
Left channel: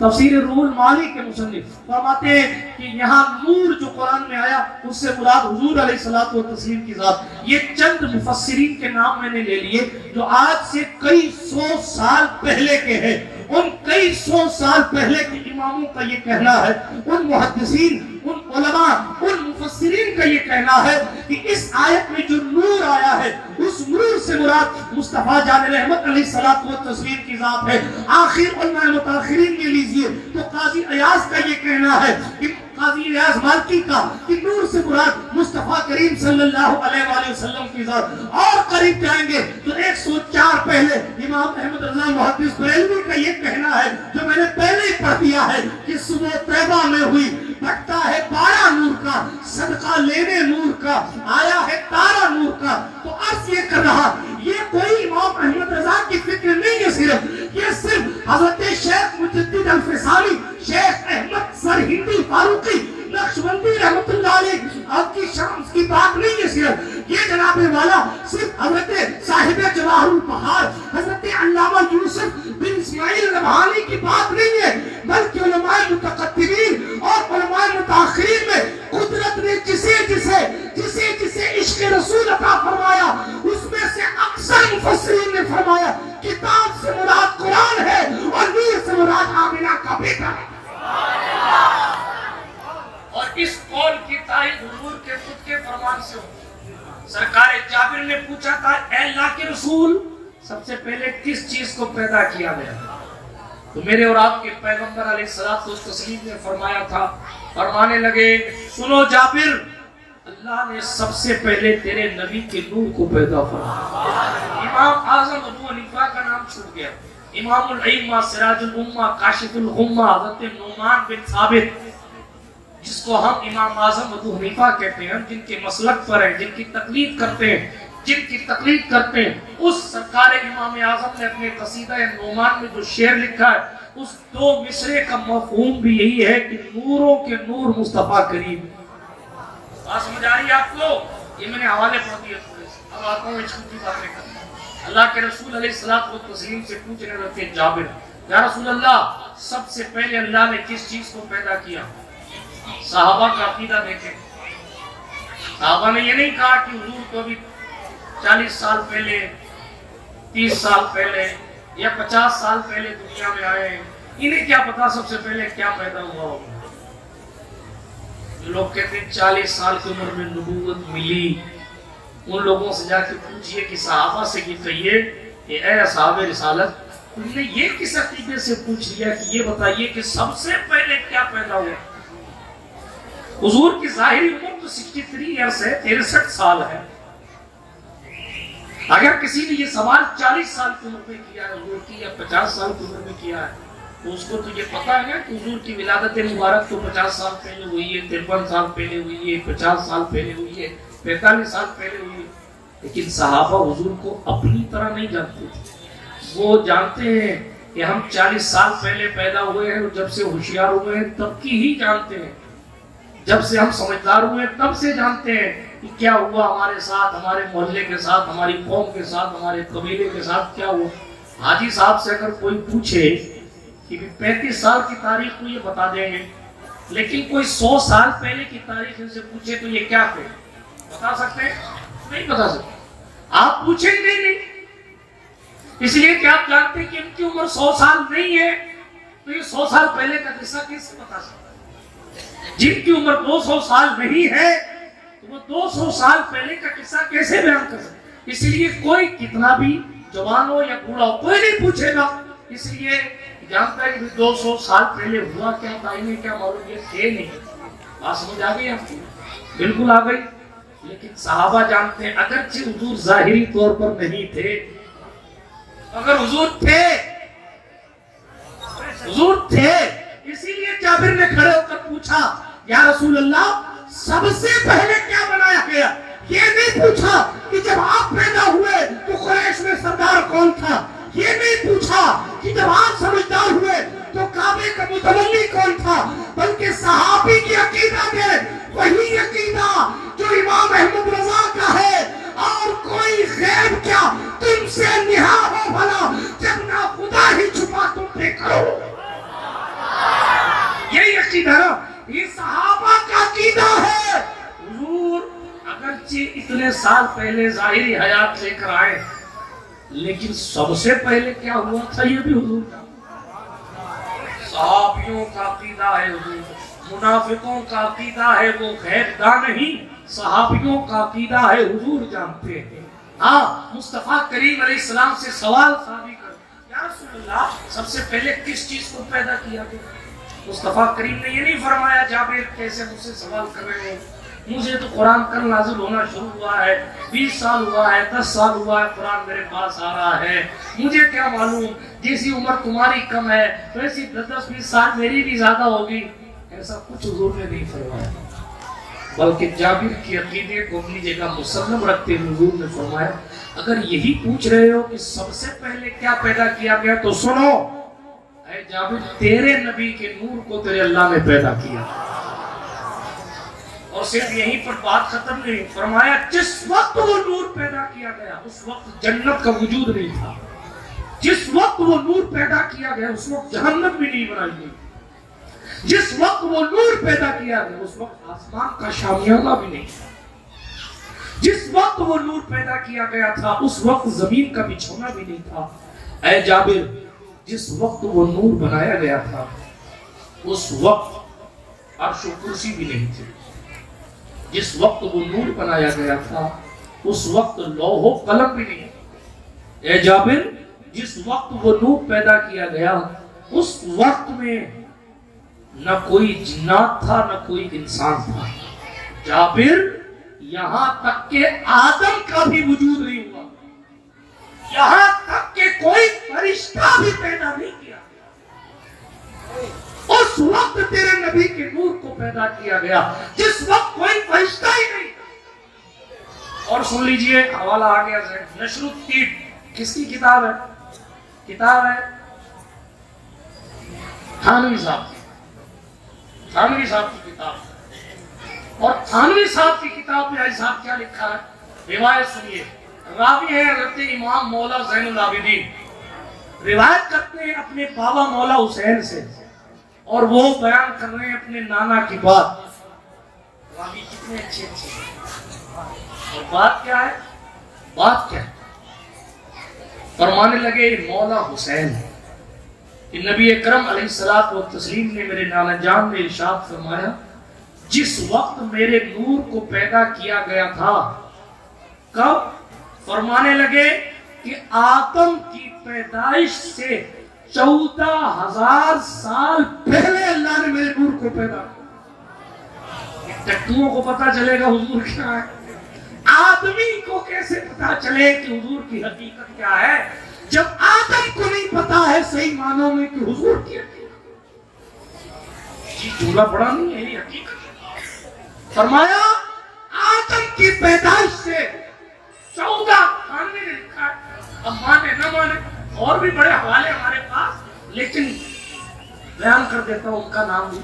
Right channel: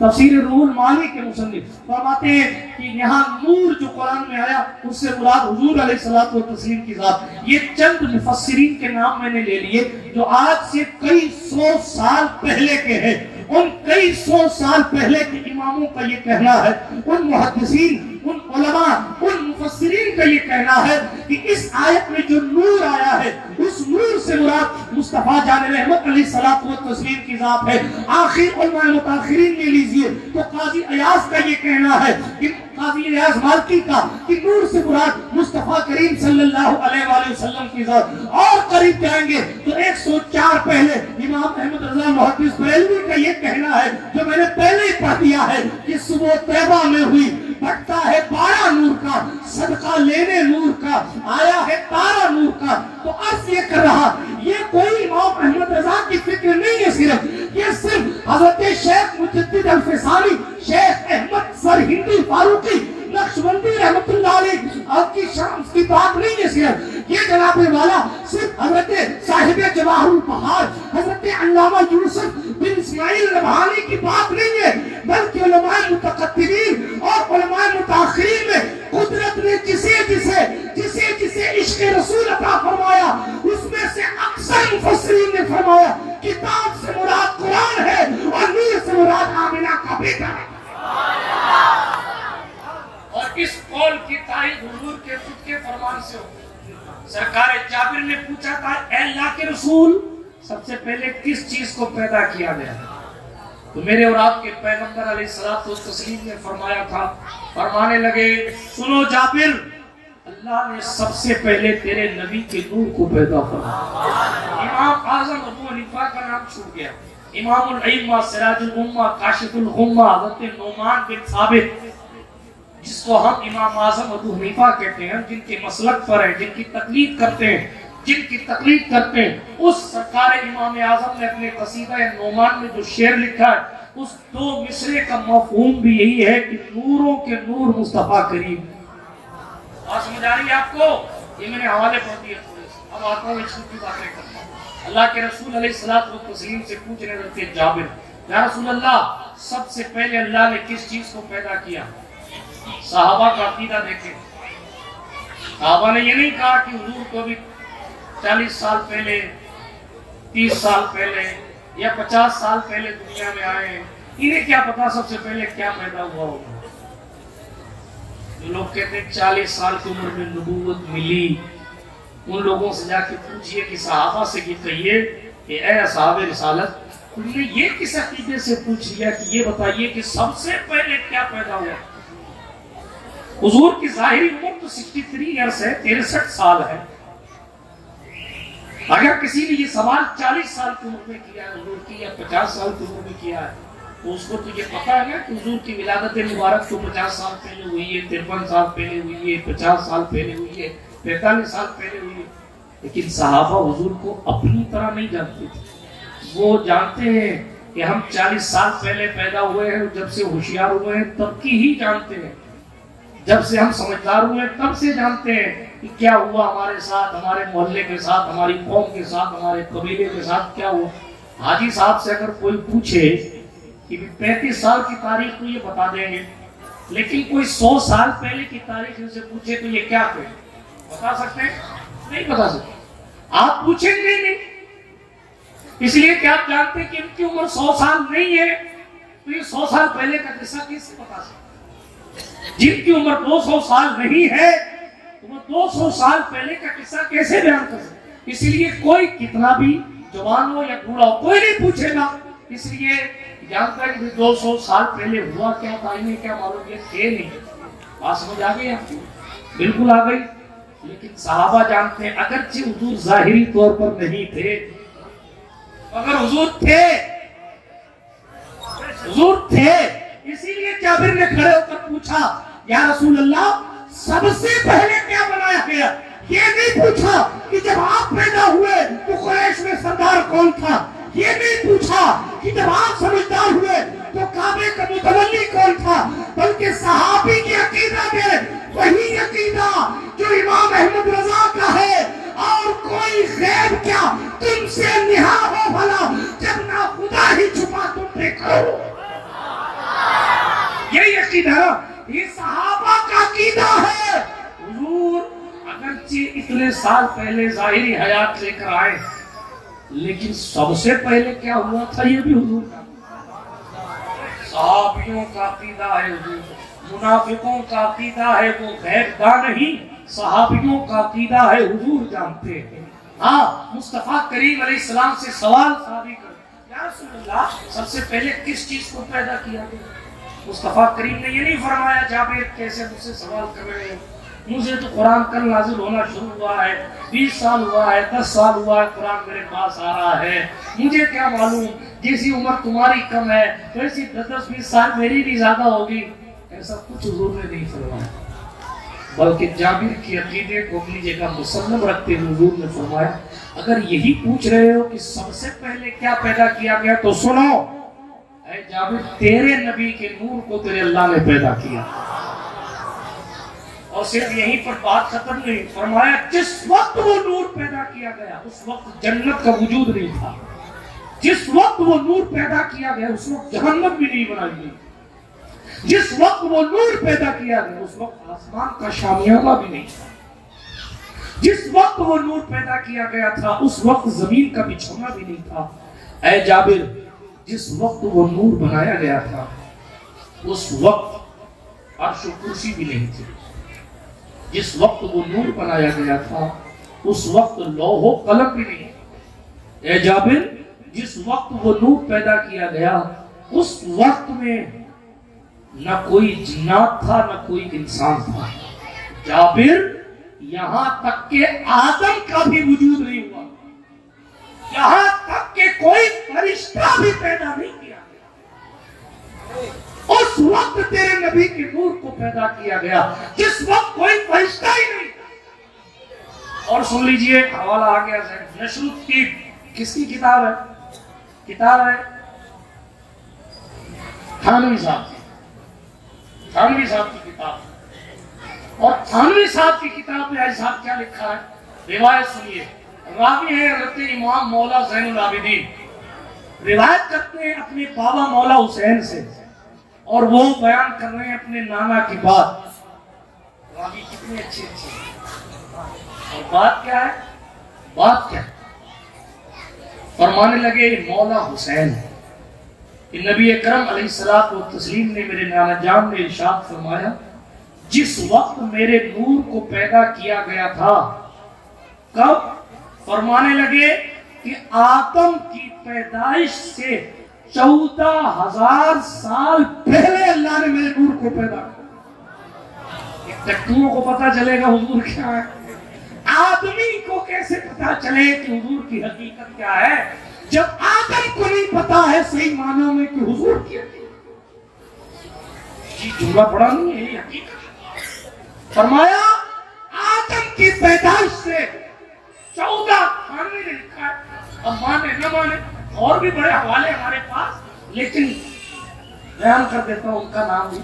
تفسیر روح المعانی کے مصنف فرماتے ہیں کہ یہاں نور جو قرآن میں آیا اس سے مراد حضور علیہ الصلوۃ والتسلیم کی ذات۔ یہ چند مفسرین کے نام میں نے لے لیے جو آج سے کئی سو سال پہلے کے ہیں۔ ان کئی سو سال پہلے کے اماموں کا یہ کہنا ہے، ان محدثین، ان علماء، ان مفسرین کا یہ کہنا ہے کہ اس آیت میں جو نور آیا ہے اس نور سے مراد مصطفیٰ جان رحمت علیہ الصلوۃ والتسلیم کی ذات ہے۔ آخر علماء متاخرین میں لیجئے تو قاضی ایاز کا یہ کہنا ہے کہ قاضی ایاز مالکی کا کہ نور سے مراد مصطفیٰ کریم صلی اللہ علیہ وآلہ وسلم کی ذات۔ اور قریب جائیں گے تو 104 پہلے امام احمد رضا محدث بریلوی کا یہ کہنا ہے جو میں نے پہلے ہی کر دیا ہے کہ صبح طیبہ میں ہوئی بٹتا ہے بارہ نور کا، صدقہ لینے نور کا، آیا ہے تارا نور کا۔ تو عرض یہ کر رہا، یہ کوئی امام احمد رضا کی فکر نہیں ہے، صرف حضرت شیخ مجدد الفسانی، شیخ احمد سرہندی فاروقی نقشبندی رحمت اللہ علیہ آپ کی شامس کی بات نہیں ہے، صرف یہ جناب والا صرف حضرت صاحب جواہر البحار حضرت علامہ یوسف بن اسماعیل ربحانی کی بات نہیں ہے، بلکہ علماء متقدمین اور علماء متاخرین میں قدرت نے جسے عشق رسول عطا فرمایا، اس میں سے اکثر مفسرین نے فرمایا کتاب سے مراد قرآن ہے اور نور سے مراد آمنہ کا بیٹا ہے۔ اور اس قول کی تائید حضور کے خود کے فرمان سے ہو۔ سرکار جابر نے پوچھا تھا، اے اللہ کے رسول، سب سے پہلے کس چیز کو پیدا کیا گیا؟ تو میرے اور آپ کے پیغمبر علیہ الصلوۃ والتسلیم نے فرمایا تھا، فرمانے لگے، سنو جابر، اللہ نے سب سے پہلے تیرے نبی کے نور کو پیدا فرمایا۔ امام اعظم ابو حنیفہ کا نام چھوٹ گیا، امام الائمہ سراج الامہ کاشف الغمہ حضرت نعمان بن ثابت، جس کو ہم امام اعظم ابو حنیفہ کہتے ہیں، جن کے مسلک پر ہیں، جن کی تقلید کرتے ہیں، اس سرکار امام اعظم نے اپنے قصیدہ نعمان میں جو شعر لکھا ہے، اس دو مصرے کا مفہوم بھی یہی ہے کہ نوروں کے نور مصطفیٰ کریم۔ بات سمجھ آ رہی ہے آپ کو؟ یہ میں نے حوالے پڑھ دیے پورے، اب آتا ہوں اس کی باتیں کرتا ہوں۔ اللہ کے رسول علیہ الصلوۃ والتسلیم سے پوچھنے لگے جابر، یا رسول اللہ، سب سے پہلے اللہ نے کس چیز کو پیدا کیا؟ صحابہ کا عقیدہ دیکھیں، صحابہ نے یہ نہیں کہا کہ حضور کو بھی 40 سال پہلے، 30 سال پہلے یا 50 سال پہلے دنیا میں آئے ہیں، انہیں کیا پتا سب سے پہلے کیا پیدا ہوا ہوگا۔ لوگ کہتے ہیں 40 سال کی عمر میں نبوت ملی، ان لوگوں سے جا کے پوچھئے کہ صحابہ سے یہ کہیے کہ اے اصحاب رسالت، تم نے یہ کس عقیدے سے پوچھ لیا کہ یہ بتائیے کہ سب سے پہلے کیا پیدا ہوا؟ حضور کی ظاہری عمر تو 63 ایئرس ہے، 63 سال ہے۔ اگر کسی نے یہ سوال 40 سال کی عمر میں کیا ہے حضور کی، یا 50 سال کی عمر میں کیا ہے، تو اس کو تو یہ پتا ہے نا کہ حضور کی ولادت مبارک تو 50 سال پہلے ہوئی ہے، 53 سال پہلے ہوئی ہے، 50 سال پہلے ہوئی ہے، 45 سال پہلے ہوئی ہے۔ لیکن صحابہ حضور کو اپنی طرح نہیں جانتے تھے، وہ جانتے ہیں کہ ہم 40 سال پہلے پیدا ہوئے ہیں، جب سے ہوشیار ہوئے ہیں تب کی ہی جانتے ہیں، جب سے ہم سمجھدار ہوئے تب سے جانتے ہیں کہ کیا ہوا ہمارے ساتھ، ہمارے محلے کے ساتھ، ہماری قوم کے ساتھ، ہمارے قبیلے کے ساتھ کیا ہوا۔ حاجی صاحب سے اگر کوئی پوچھے کہ 35 سال کی تاریخ تو یہ بتا دیں گے، لیکن کوئی 100 سال پہلے کی تاریخ ان سے پوچھے تو یہ کیا کہ بتا سکتے ہیں؟ نہیں بتا سکتے، آپ پوچھیں گے نہیں، اس لیے کہ آپ جانتے ہیں کہ ان کی عمر 100 سال نہیں ہے، تو یہ 100 سال پہلے کا قصہ کیسے بتا سکتے؟ جن کی عمر 200 سال نہیں ہے وہ 200 سال پہلے کا قصہ کیسے بیان کر سکتے؟ اس لیے کوئی کتنا بھی جوان ہو یا بوڑھا ہو کوئی نہیں پوچھے گا، اس لیے جانتا ہے کہ 200 سال پہلے ہوا کیا تھا، انہیں کیا معلوم، یہ تھے نہیں۔ بات سمجھ آ گئی آپ کی؟ بالکل آ گئی۔ لیکن صحابہ جانتے ہیں اگرچہ حضور ظاہری طور پر نہیں تھے، اگر حضور تھے اسی لیے جابر نے کھڑے ہو کر پوچھا، یا رسول اللہ، سب سے پہلے کیا بنایا گیا؟ یہ نہیں پوچھا کہ جب آپ پیدا ہوئے تو قریش میں سردار کون تھا، یہ نہیں پوچھا کہ جب آپ سمجھدار ہوئے تو کعبے کا متولی کون تھا، بلکہ صحابی کی عقیدہ میں وہی عقیدہ جو امام احمد رضا کا ہے، اور کوئی غیب کیا تم سے نہا ہو بھلا، جب نہ خدا ہی چھپا تم پہ کرو۔ یہی عقیدہ ہے، یہ صحابہ کا عقیدہ ہے۔ حضور اگرچہ اتنے سال پہلے ظاہری حیات لے کر آئے، لیکن سب سے پہلے کیا ہوا تھا یہ بھی حضور کا۔ صحابیوں کا عقیدہ ہے حضور، منافقوں کا عقیدہ ہے وہ غیب داں نہیں، صحابیوں کا عقیدہ ہے حضور جانتے ہیں۔ ہاں، مصطفیٰ کریم علیہ السلام سے سوال صحابی کر، یا رسول اللہ، سب سے پہلے کس چیز کو پیدا کیا گیا؟ مصطفیٰ کریم نے یہ نہیں فرمایا جابر کیسے مجھ سے سوال کر رہے ہیں، مجھے تو قرآن کل نازل ہونا شروع ہوا ہے، 20 سال ہوا ہے، 10 سال ہوا ہے قرآن میرے پاس آ رہا ہے، مجھے کیا معلوم، جیسی عمر تمہاری کم ہے ویسی 10-20 سال میری بھی زیادہ ہوگی. ایسا کچھ حضور نے نہیں فرمایا، بلکہ جابر کے عقیدے کو اپنی جگہ مسلم رکھتے ہوئے حضور نے فرمایا اگر یہی پوچھ رہے ہو کہ سب سے پہلے کیا پیدا کیا گیا تو سنو، اے جابر تیرے نبی کے نور کو تیرے اللہ نے پیدا کیا. اور صرف یہیں پر بات ختم نہیں، فرمایا جس وقت وہ نور پیدا کیا گیا اس وقت جنت کا وجود نہیں تھا، جس وقت وہ نور پیدا کیا گیا اس وقت جہنم بھی نہیں بنائی گئی، جس وقت وہ نور پیدا کیا گیا اس وقت آسمان کا شامیانہ بھی نہیں تھا، جس وقت وہ نور پیدا کیا گیا تھا اس وقت زمین کا بچھونا بھی نہیں تھا. اے جابر جس وقت وہ نور بنایا گیا تھا اس وقت عرش و کرسی بھی نہیں تھی، جس وقت وہ نور بنایا گیا تھا اس وقت لوح و قلم بھی نہیں تھی. اے جابر جس وقت وہ نور پیدا کیا گیا اس وقت میں نہ کوئی جنات تھا نہ کوئی انسان تھا. جابر یہاں تک کہ آدم کا بھی وجود نہیں ہوا، یہاں تک کہ کوئی فرشتہ بھی پیدا نہیں کیا گیا، اس وقت تیرے نبی کے نور کو پیدا کیا گیا جس وقت کوئی فرشتہ ہی نہیں تھا. اور سن لیجئے حوالہ آ گیا نشر الطیب کس کی کتاب ہے؟ کتاب ہے تھانوی صاحب کی، تھانوی صاحب کی کتاب ہے. اور تھانوی صاحب کی کتاب میں آج صاحب کیا لکھا ہے؟ روایت سنیے. راوی ہے حضرت امام مولا زین العابدین، روایت کرتے ہیں اپنے بابا مولا حسین سے اور وہ بیان کر رہے ہیں اپنے نانا کی بات. راوی کتنے اچھے اچھے، اور بات کیا ہے؟ بات کیا ہے؟ فرمانے لگے مولا حسین کہ نبی اکرم علیہ الصلوۃ والتسلیم نے میرے نانا جان نے ارشاد فرمایا جس وقت میرے نور کو پیدا کیا گیا تھا. کب؟ فرمانے لگے کہ آدم کی پیدائش سے 14,000 سال پہلے اللہ نے میرے نور کو پیدا کیا. ٹٹوؤں کو پتا چلے گا حضور کیا ہے، آدمی کو کیسے پتا چلے کہ حضور کی حقیقت کیا ہے جب آدم کو نہیں پتا ہے صحیح معنوں میں کہ حضور کی حقیقت. یہ جملہ بڑا نہیں ہے، یہ حقیقت. فرمایا آدم کی پیدائش سے 14 نے لکھا ہے، اب مانے نہ مانے اور بھی بڑے حوالے ہمارے پاس، لیکن بیان کر دیتا ہوں ان کا نام بھی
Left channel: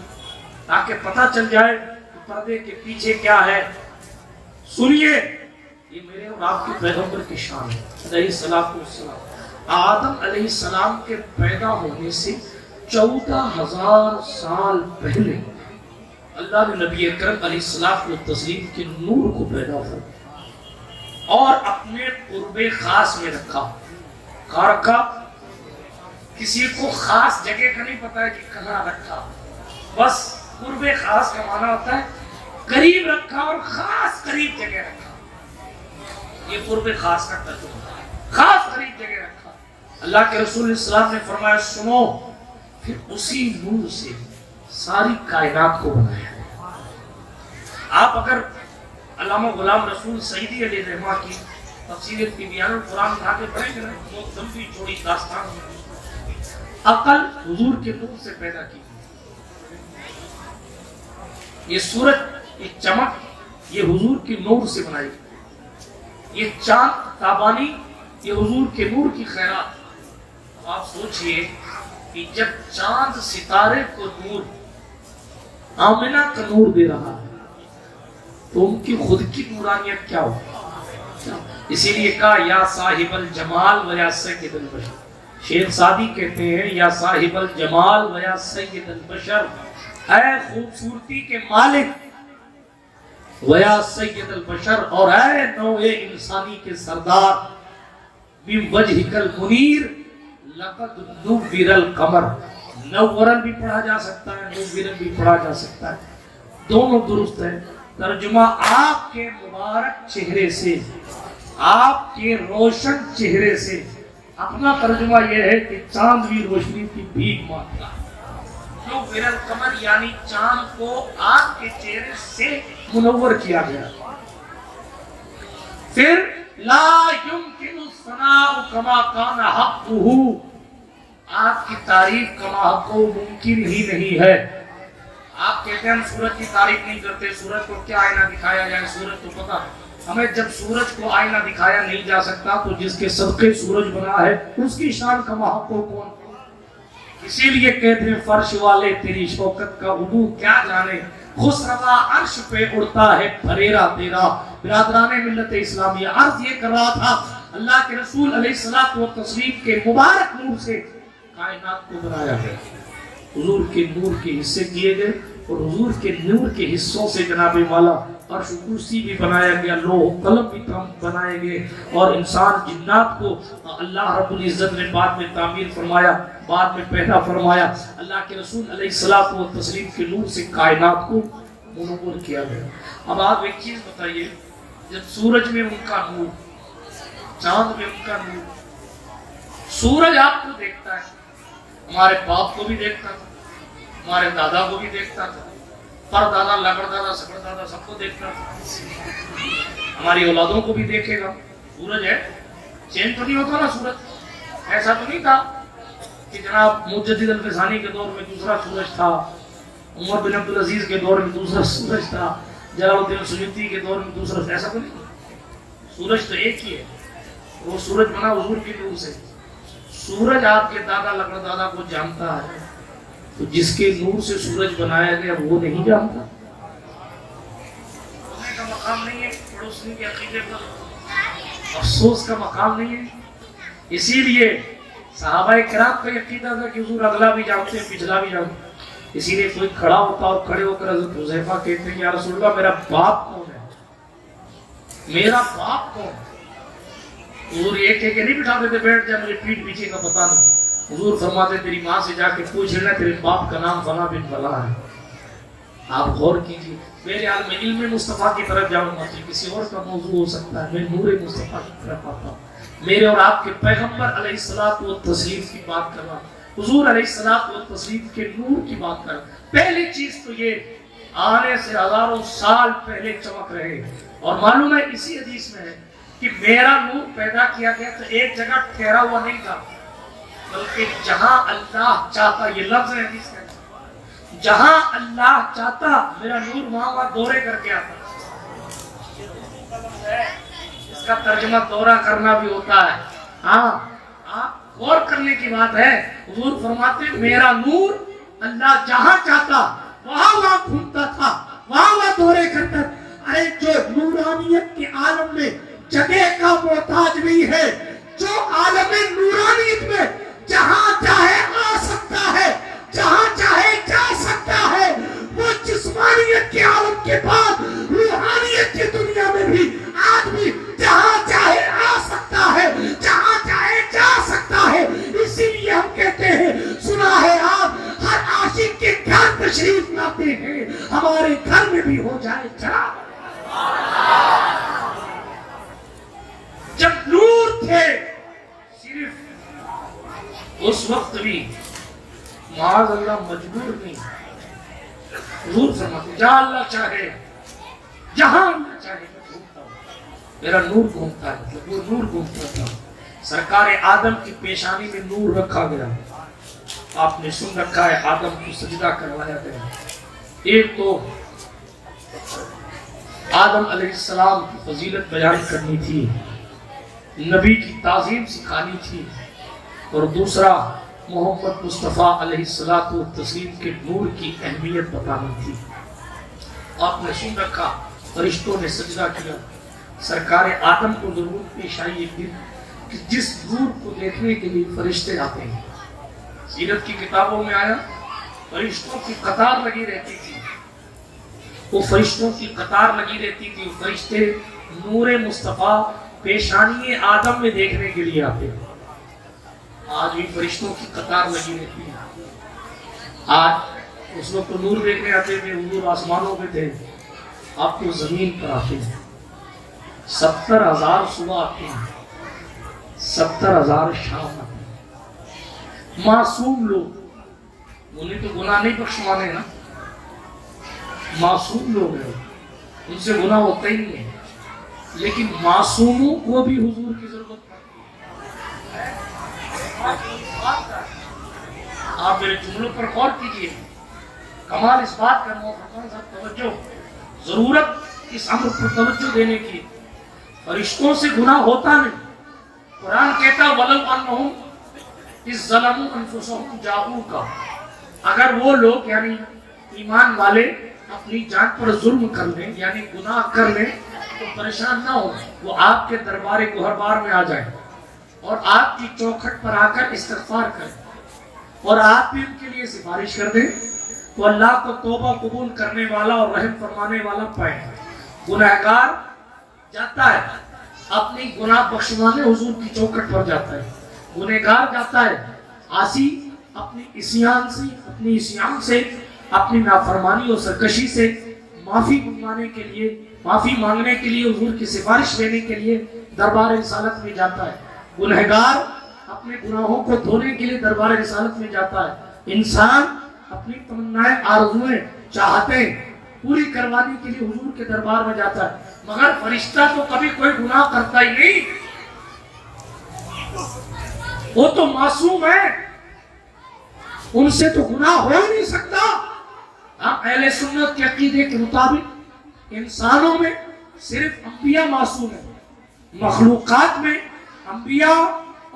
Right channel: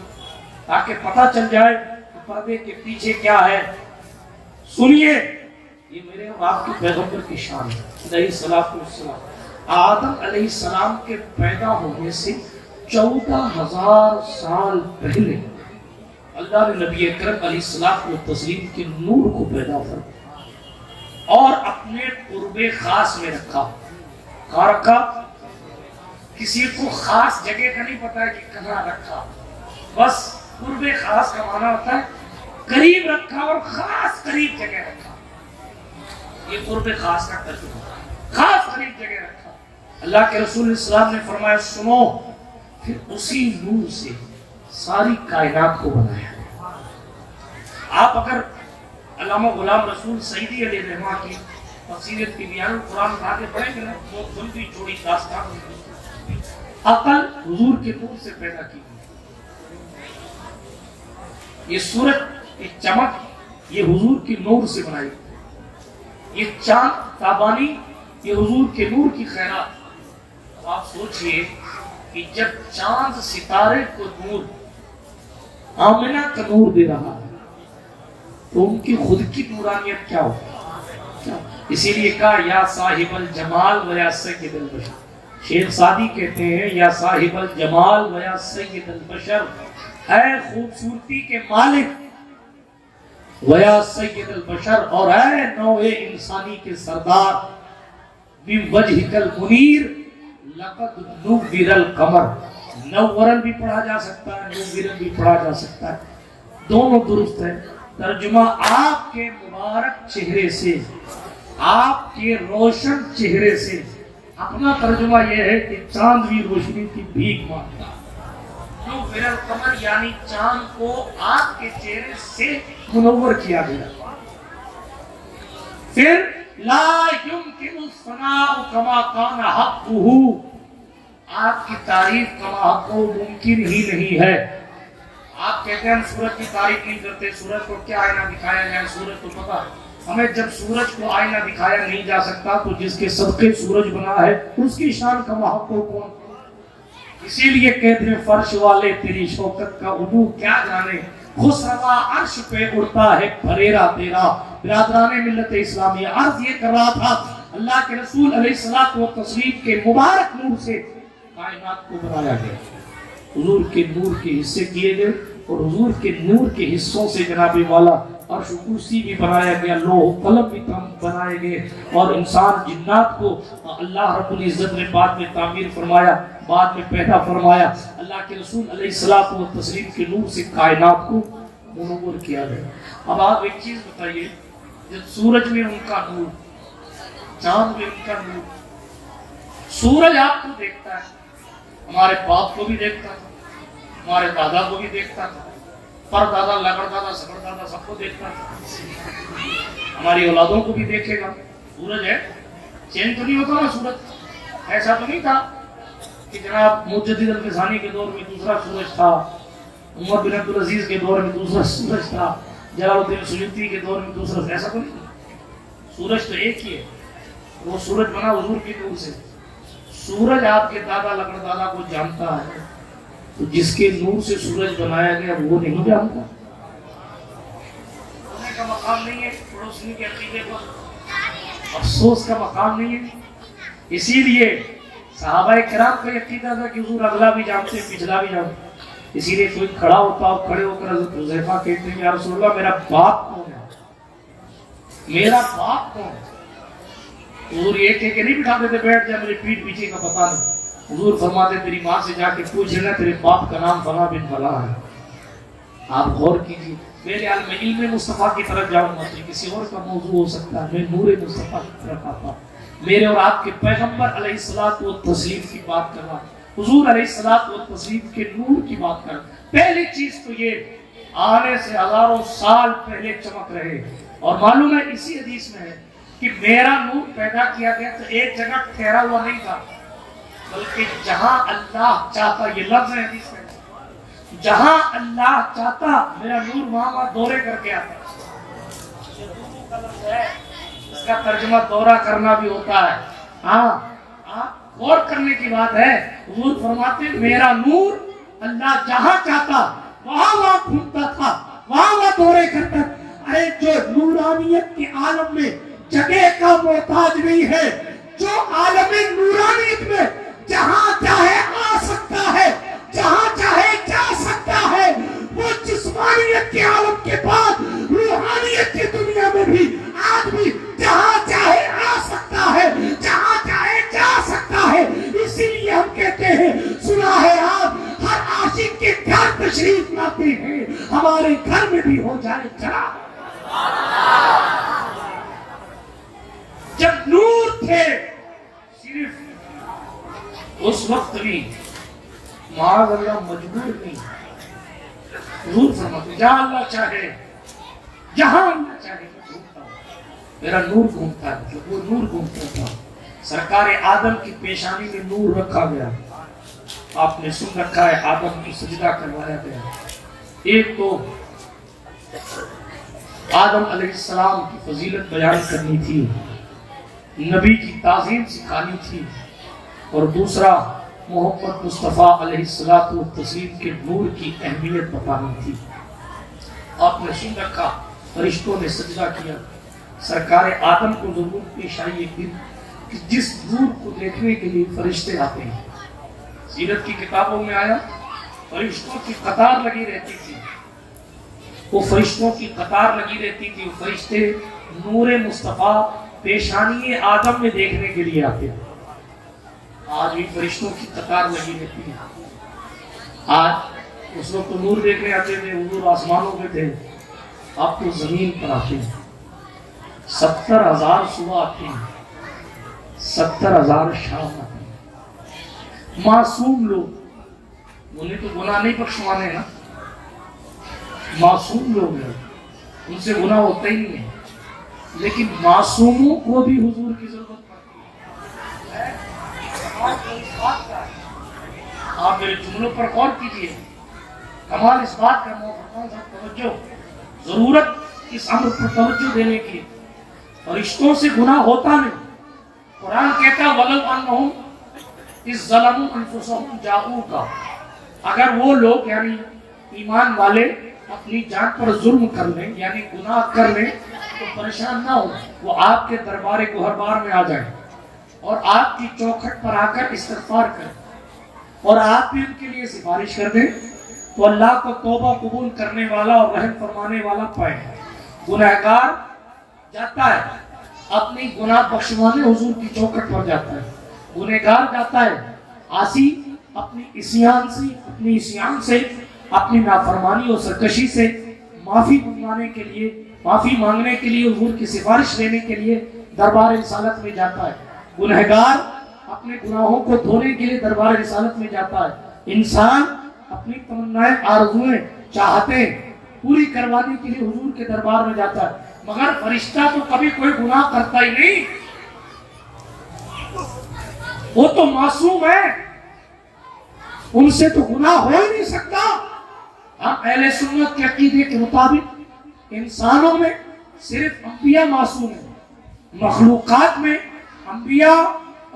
تاکہ پتہ چل جائے کہ پردے کے پیچھے کیا ہے. سنیے یہ میرے اور آپ کے پیغمبر کی شان ہے علیہ السلام. آدم علیہ السلام کے پیدا ہونے سے 14,000 سال پہلے اللہ نے نبی اکرم علیہ السلام والتسلیم کے نور کو پیدا کیا اور اپنے قرب خاص میں رکھا. کہاں رکھا؟ کسی کو خاص جگہ کا نہیں پتا ہے کہ کہاں رکھا، بس قرب خاص کا معنی ہوتا ہے قریب رکھا اور خاص قریب جگہ رکھا. یہ قرب خاص کا ترجمہ ہے، خاص قریب جگہ رکھا. اللہ کے رسول السلام نے فرمایا سنو، پھر اسی نور سے ساری کائنات کو بنایا. آپ اگر علامہ غلام رسول سعیدی علیہ رحمہ کی تفسیر تبیان القرآن اٹھا کے پڑھیں گے نا، بہت لمبی چوڑی داستان ہے. عقل حضور کے نور سے پیدا کی. یہ سورج، یہ چمک، یہ حضور کے نور سے بنائی. یہ چاند تابانی، یہ حضور کے نور کی خیرات. اب آپ سوچئے کہ جب چاند ستارے کو نور، آمنہ کا نور دے رہا ہے تو ان کی خود کی نورانیت کیا ہو؟ اسی لیے کہا یا صاحب الجمال و یا سید البشر. شیخ سعدی کہتے ہیں یا صاحب الجمال و یا سید البشر، اے خوبصورتی کے مالک و یا سید البشر، اور اے نوع انسانی کے سردار، من وجہک المنیر لقد نور القمر. نورن بھی پڑھا جا سکتا ہے، نورن بھی پڑھا جا سکتا ہے، دونوں درست ہے. ترجمہ آپ کے مبارک چہرے سے، آپ کے روشن چہرے سے. اپنا ترجمہ یہ ہے کہ چاند بھی روشنی کی بھیک مانگتا. من القمر یعنی چاند کو آپ کے چہرے سے منور کیا گیا. پھر لا يمكن الثناء كما كان حقه، آپ کی تعریف کما حق ممکن ہی نہیں ہے. آپ کہتے ہیں ہم سورج کی تعریف نہیں کرتے، سورج کو کیا آئینہ دکھایا جائے، سورج کو پتا ہے ہمیں. جب سورج کو آئینہ دکھایا نہیں جا سکتا تو جس کے صدقے سورج بنا ہے اس کی شان کما حق کون. اسی لیے کہتے ہیں فرش والے تیری شوکت کا عبو کیا جانے، خسروا عرش پہ اڑتا ہے پھریرا تیرا. برادران ملت اسلامیہ، عرض یہ کر رہا تھا اللہ کے رسول علیہ الصلوۃ والتسلیم کے مبارک نور سے کائنات کو بنایا گیا. حضور کے نور کے حصے کیے گئے اور حضور کے نور کے حصوں سے جناب والا عرش و کرسی بھی بنایا گیا، لوح و قلم بھی بنائے گئے، اور انسان جنات کو اللہ رب العزت نے بعد میں تعمیر فرمایا، بعد میں پیدا فرمایا. اللہ کے رسول علیہ الصلوۃ والتسلیم کے نور سے کائنات کو منور کیا گیا. اب آپ ایک چیز بتائیے، جب سورج میں ان کا نور، چاند میں ان کا نور، سورج آپ کو دیکھتا ہے، ہمارے باپ کو بھی دیکھتا تھا، ہمارے دادا کو بھی دیکھتا تھا، پر دادا لگڑ دادا سگڑ دادا سب کو دیکھتا تھا، ہماری اولادوں کو بھی دیکھے گا. سورج ہے، چینج تو نہیں ہوتا نا سورج. ایسا تو نہیں تھا کہ جناب مجدد الفسانی کے دور میں دوسرا سورج تھا، عمر بن عبدالعزیز کے دور میں دوسرا سورج تھا، جلال الدین سیوطی کے دور میں دوسرا. ایسا تو نہیں تھا. سورج تو ایک ہی ہے، وہ سورج بنا حضور کے نور سے. سورج آپ کے دادا لگڑ دادا کو جانتا ہے، تو جس کے نور سے سورج بنایا گیا وہ نہیں جانتا. رونے کا مقام نہیں ہے پڑوسی کے عقیدے پر، افسوس کا مقام نہیں ہے. اسی لیے صحابہ کرام کا عقیدہ تھا کہ حضور اگلا بھی جانتے پچھلا بھی جانتے. اسی لیے کوئی کھڑا ہوتا اور کھڑے ہو کر حضرت حذیفہ کہتے ہیں یا رسول اللہ میرا باپ کون ہے، میرا باپ کون ہے. حضور یہ کہہ کے نہیں بٹھا دیتے بیٹھ جا میرے پیٹ پیچھے کا پتہ نہیں. حضور فرماتے تیری ماں سے جا کے پوچھ لینا تیرے باپ کا نام فلاں بن فلاں ہے. آپ غور کیجیے. میرے عالم علم مصطفیٰ کی طرف جاؤں گا تو کسی اور کا موضوع ہو سکتا ہے، میں نور مصطفیٰ کی طرف آتا ہوں. میرے اور آپ کے پیغمبر علیہ الصلوۃ والتسلیم کی بات کر رہا ہوں، حضور علیہ الصلوۃ والتسلیم کے نور کی بات کر رہا ہوں. پہلی چیز تو یہ آنے سے ہزاروں سال پہلے چمک رہے. اور معلوم ہے اسی حدیث میں ہے کہ میرا نور پیدا کیا گیا تو ایک جگہ ٹھہرا ہوا نہیں تھا، بلکہ جہاں اللہ چاہتا، یہ لفظ ہے حدیث میں، جہاں اللہ چاہتا میرا نور وہاں دورے کر کے آتا. اس کا ترجمہ دورہ کرنا بھی ہوتا ہے. ہاں غور کرنے کی بات ہے. حضور فرماتے میرا نور اللہ جہاں چاہتا وہاں گھومتا تھا، وہاں دورے کرتا. ارے جو نورانیت کے عالم میں جگہ کا محتاج نہیں ہے، جو عالم نورانیت میں جہاں چاہے آ سکتا ہے، جہاں چاہے جا سکتا ہے، وہ جسمانیت کے عالم کے بعد روحانیت کی دنیا میں بھی آدمی جہاں چاہے آ سکتا ہے، جہاں چاہے جا سکتا ہے. اسی لیے ہم کہتے ہیں سنا ہے آپ ہر عاشق کے گھر تشریف لاتے ہیں، ہمارے گھر میں بھی ہو جائے چراغ. جب نور تھے صرف اس وقت بھی معاذ اللہ مجبور نہیں. نور فرماتے جہاں اللہ چاہے، جہاں اللہ چاہے میں گھومتا ہوں. میرا نور گھومتا ہے، وہ نور گھومتا تھا. سرکار آدم کی پیشانی میں نور رکھا گیا. آپ نے سن رکھا ہے آدم کو سجدہ کروایا گیا. ایک تو آدم علیہ السلام کی فضیلت بیان کرنی تھی، نبی کی تعظیم سکھانی تھی، اور دوسرا محمد مصطفیٰ علیہ الصلوۃ والتسلیم کے نور کی اہمیت بتانی تھی. آپ نے سن رکھا فرشتوں نے سجدہ کیا. سرکار آدم کو ضرورت پیش آئی ایک دن کہ جس نور کو دیکھنے کے لیے فرشتے آتے ہیں. سیرت کی کتابوں میں آیا فرشتوں کی قطار لگی رہتی تھی. وہ فرشتوں کی قطار لگی رہتی تھی. فرشتے نور مصطفیٰ پیشانی آدم میں دیکھنے کے لیے آتے ہیں. آج بھی فرشتوں کی قطار لگی رہتی ہے. آج اس وقت نور دیکھنے آتے تھے، حضور آسمانوں پہ تھے، اب تو زمین پر آتے ہیں. 70,000 صبح آتے ہیں، 70,000 شام آتے ہیں. معصوم لوگ انہیں تو گناہ نہیں بخشوانے نا، معصوم لوگ ہیں، ان سے گناہ ہوتا ہی نہیں ہے، لیکن معصوموں کو بھی حضور کی ضرورت پڑتی ہے۔ آپ میرے جملوں پر غور کیجئے، کمال اس بات کا محترم صاحب توجہ، ضرورت اس امر پر توجہ دینے کی، فرشتوں سے گناہ ہوتا نہیں۔ قرآن کہتا وَلَوْ أَنَّهُمْ إِذْ ظَلَمُوا أَنفُسَهُمْ جَاءُوكَ، اگر وہ لوگ یعنی ایمان والے اپنی جان پر ظلم کر لیں یعنی گناہ کر لیں تو پریشان نہ ہو، وہ آپ کے دربار گہربار میں آ جائیں اور آپ کی چوکھٹ پر آ کر استغفار کریں اور آپ بھی ان کے لیے سفارش کر دیں تو اللہ کو توبہ قبول کرنے والا اور رحم فرمانے والا پائیں۔ گناہگار جاتا ہے اپنی گناہ بخشوانے حضور کی چوکھٹ پر جاتا ہے، گنہگار جاتا ہے عاصی اپنی عصیان سے اپنی نافرمانی اور سرکشی سے معافی منگوانے کے لیے، معافی مانگنے کے لیے، حضور کی سفارش لینے کے لیے دربار رسالت میں جاتا ہے۔ گنہگار اپنے گناہوں کو دھونے کے لیے دربار رسالت میں جاتا ہے۔ انسان اپنی تمنائیں آرزوئیں چاہتے پوری کروانے کے لیے حضور کے دربار میں جاتا ہے، مگر فرشتہ تو کبھی کوئی گناہ کرتا ہی نہیں، وہ تو معصوم ہے، ان سے تو گناہ ہو ہی نہیں سکتا۔ ہم اہل سنت کے عقیدے کے مطابق انسانوں میں صرف انبیاء معصوم ہیں، مخلوقات میں انبیاء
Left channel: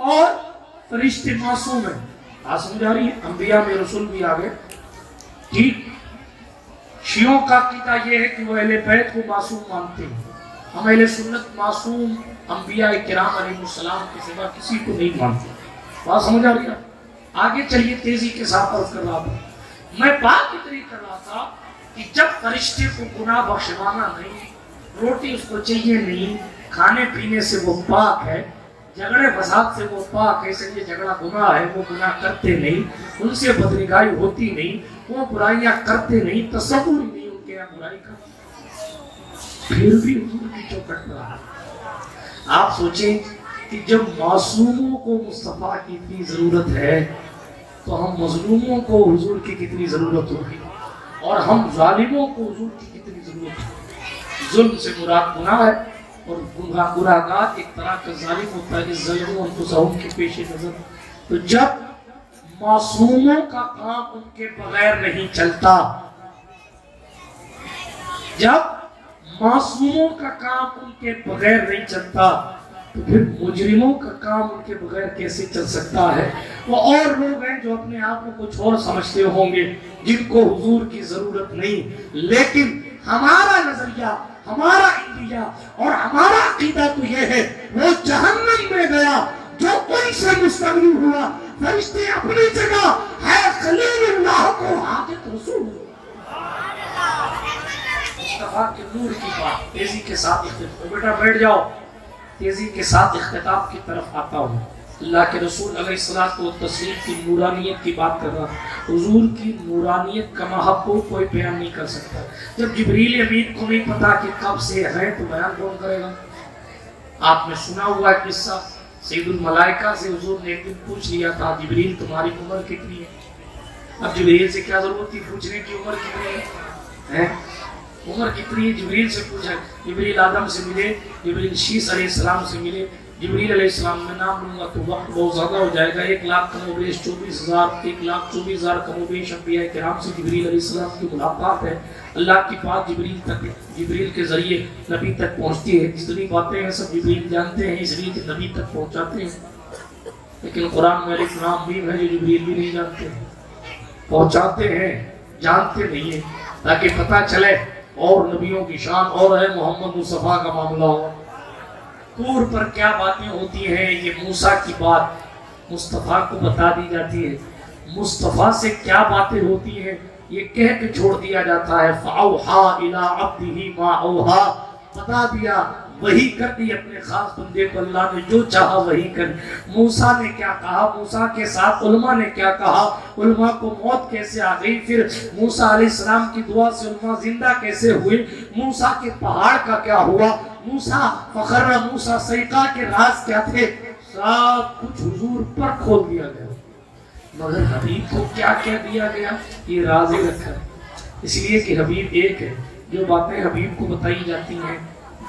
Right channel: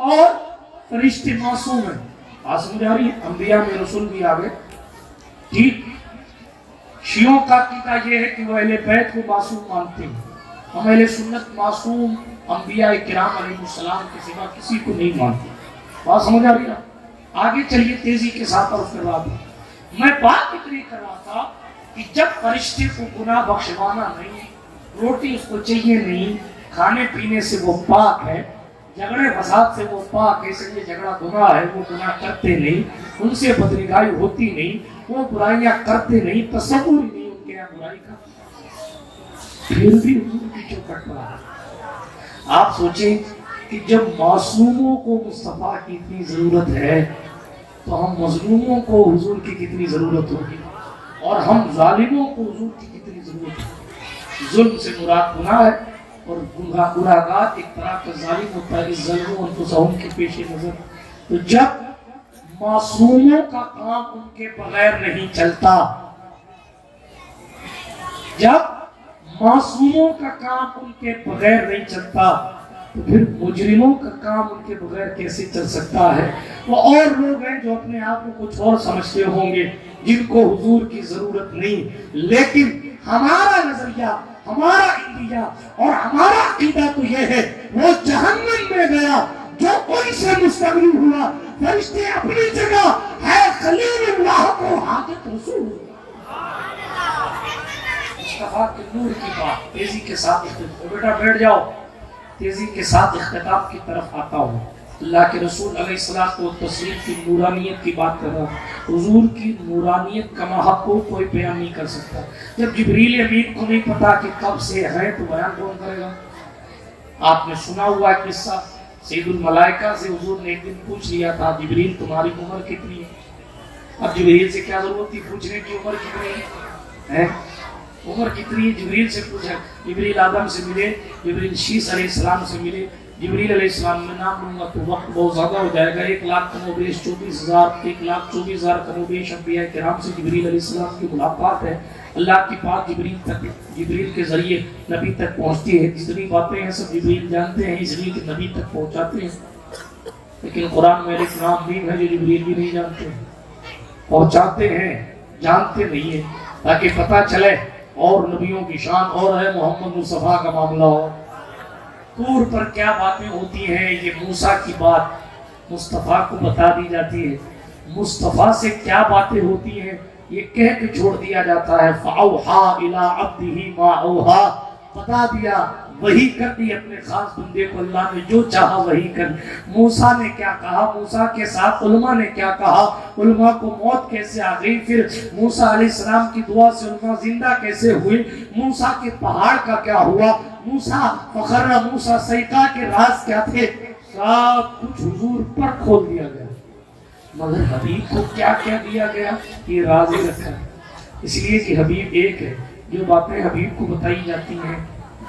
اور فرشتے معصوم ہیں۔ بات سمجھ آ رہی ہے؟ انبیاء میں رسول بھی آ گئے، ٹھیک۔ شیعوں کا عقیدہ یہ ہے کہ وہ اہل بیت کو معصوم مانتے ہیں، ہم اہل سنت معصوم انبیاء کرام علیہ السلام کے سوا کسی کو نہیں مانتے۔ بات سمجھ آ رہی ہے؟ آگے چلیے، تیزی کے ساتھ عرض کر رہا تھا میں، بات اتنی کر رہا تھا کہ جب فرشتے کو گناہ بخشوانا نہیں، روٹی اس کو چاہیے نہیں، کھانے پینے سے وہ پاک ہے، جھگڑے فساد سے وہ پاک ہے، اس لیے جھگڑا گناہ ہے، وہ گناہ کرتے نہیں، ان سے بدنگاہی ہوتی نہیں، وہ برائیاں کرتے نہیں، تصور ہی نہیں ان کے یہاں برائی کا، پھر بھی حضور کی چوکھٹ پر آ۔ آپ سوچیں کہ جب معصوموں کو مصطفیٰ کی اتنی ضرورت ہے تو ہم مظلوموں کو حضور کی کتنی ضرورت ہوگی، اور ہم ظالموں کو حضور کی کتنی ضرورت ہوگی۔ ظلم سے مراد گناہ ہے، اور گناہگار ایک طرح کا ظالم ہوتا ہے، اس ظلموں انفسہم کے پیش نظر۔ تو جب معصوموں کا کام ان کے بغیر نہیں چلتا، جب معصوموں کا کام ان کے بغیر نہیں چلتا تو پھر مجرموں کا کام ان کے بغیر کیسے چل سکتا ہے؟ وہ اور لوگ ہیں جو اپنے آپ کو کچھ اور سمجھتے ہوں گے، جن کو حضور کی ضرورت نہیں، لیکن ہمارا نظریہ، ہمارا انڈیا اور ہمارا عقیدہ تو یہ ہے، وہ جہنم میں گیا جو ان سے مستغنی ہوا، فرشتے اپنی جگہ ہے، خلیل اللہ کو حاجت رسول مصطفیٰ کے نور کی بات۔ تیزی کے ساتھ بیٹا بیٹھ جاؤ، تیزی کے ساتھ اختتام کی طرف آتا ہوں۔ اللہ کے رسول علیہ الصلوۃ والتسلیم کی نورانیت کی بات کر رہا ہوں۔ حضور کی نورانیت کا محبوب کوئی بیان نہیں کر سکتا۔ جب جبریل امین کو نہیں پتا کہ کب سے ہے تو بیان کون کرے گا؟ آپ نے سنا ہوا ہے قصہ، سید الملائکہ سے حضور نے ایک دن پوچھ لیا تھا، جبریل تمہاری عمر کتنی ہے؟ اب جبریل سے کیا ضرورت تھی پوچھنے کی عمر کتنی ہے؟ عمر کتنی ہے جبریل سے پوچھا۔ جبریل آدم سے ملے، جبریل شیس علیہ السلام سے ملے، جبریل علیہ السلام میں نام لوں گا تو وقت بہت زیادہ ہو جائے گا، 1,00,000 کم و بیش 1,24,000 کم و بیش انبیاء کرام سے جبریل علیہ السلام کی ملاقات ہے۔ اللہ کی بات جبریل کے ذریعے نبی تک پہنچتی ہے، جتنی باتیں ہیں سب جبریل جانتے ہیں، اس لیے کہ نبی تک پہنچاتے ہیں، لیکن قرآن میں ایک نام بھی ہے جو جبریل بھی نہیں جانتے، پہنچاتے ہیں، جانتے نہیں ہیں، تاکہ پتہ چلے اور نبیوں کی شان اور ہے، محمد مصطفیٰ کا معاملہ ہو۔ طور پر کیا باتیں ہوتی ہیں، یہ موسیٰ کی بات مصطفیٰ کو بتا دی جاتی ہے، مصطفیٰ سے کیا باتیں ہوتی ہیں یہ کہہ کے چھوڑ دیا جاتا ہے۔ فَأَوْحَا إِلَىٰ عَبْدِهِ مَا أَوْحَا، بتا دیا، وحی کر دی اپنے خاص بندے کو، اللہ نے جو چاہا وحی کر۔ موسیٰ نے کیا کہا، موسیٰ کے ساتھ علماء نے کیا کہا، علماء کو موت کیسے آ گئی، پھر موسیٰ علیہ السلام کی دعا سے علماء زندہ کیسے ہوئے، موسیٰ کے پہاڑ کا کیا ہوا، موسیٰ فخر موسیٰ سیقہ کے راز کیا تھے، سب کچھ حضور پر کھول دیا گیا۔ مگر حبیب کو کیا کیا دیا گیا یہ راز رکھا، اس لیے کہ حبیب ایک ہے، جو باتیں حبیب کو بتائی جاتی ہیں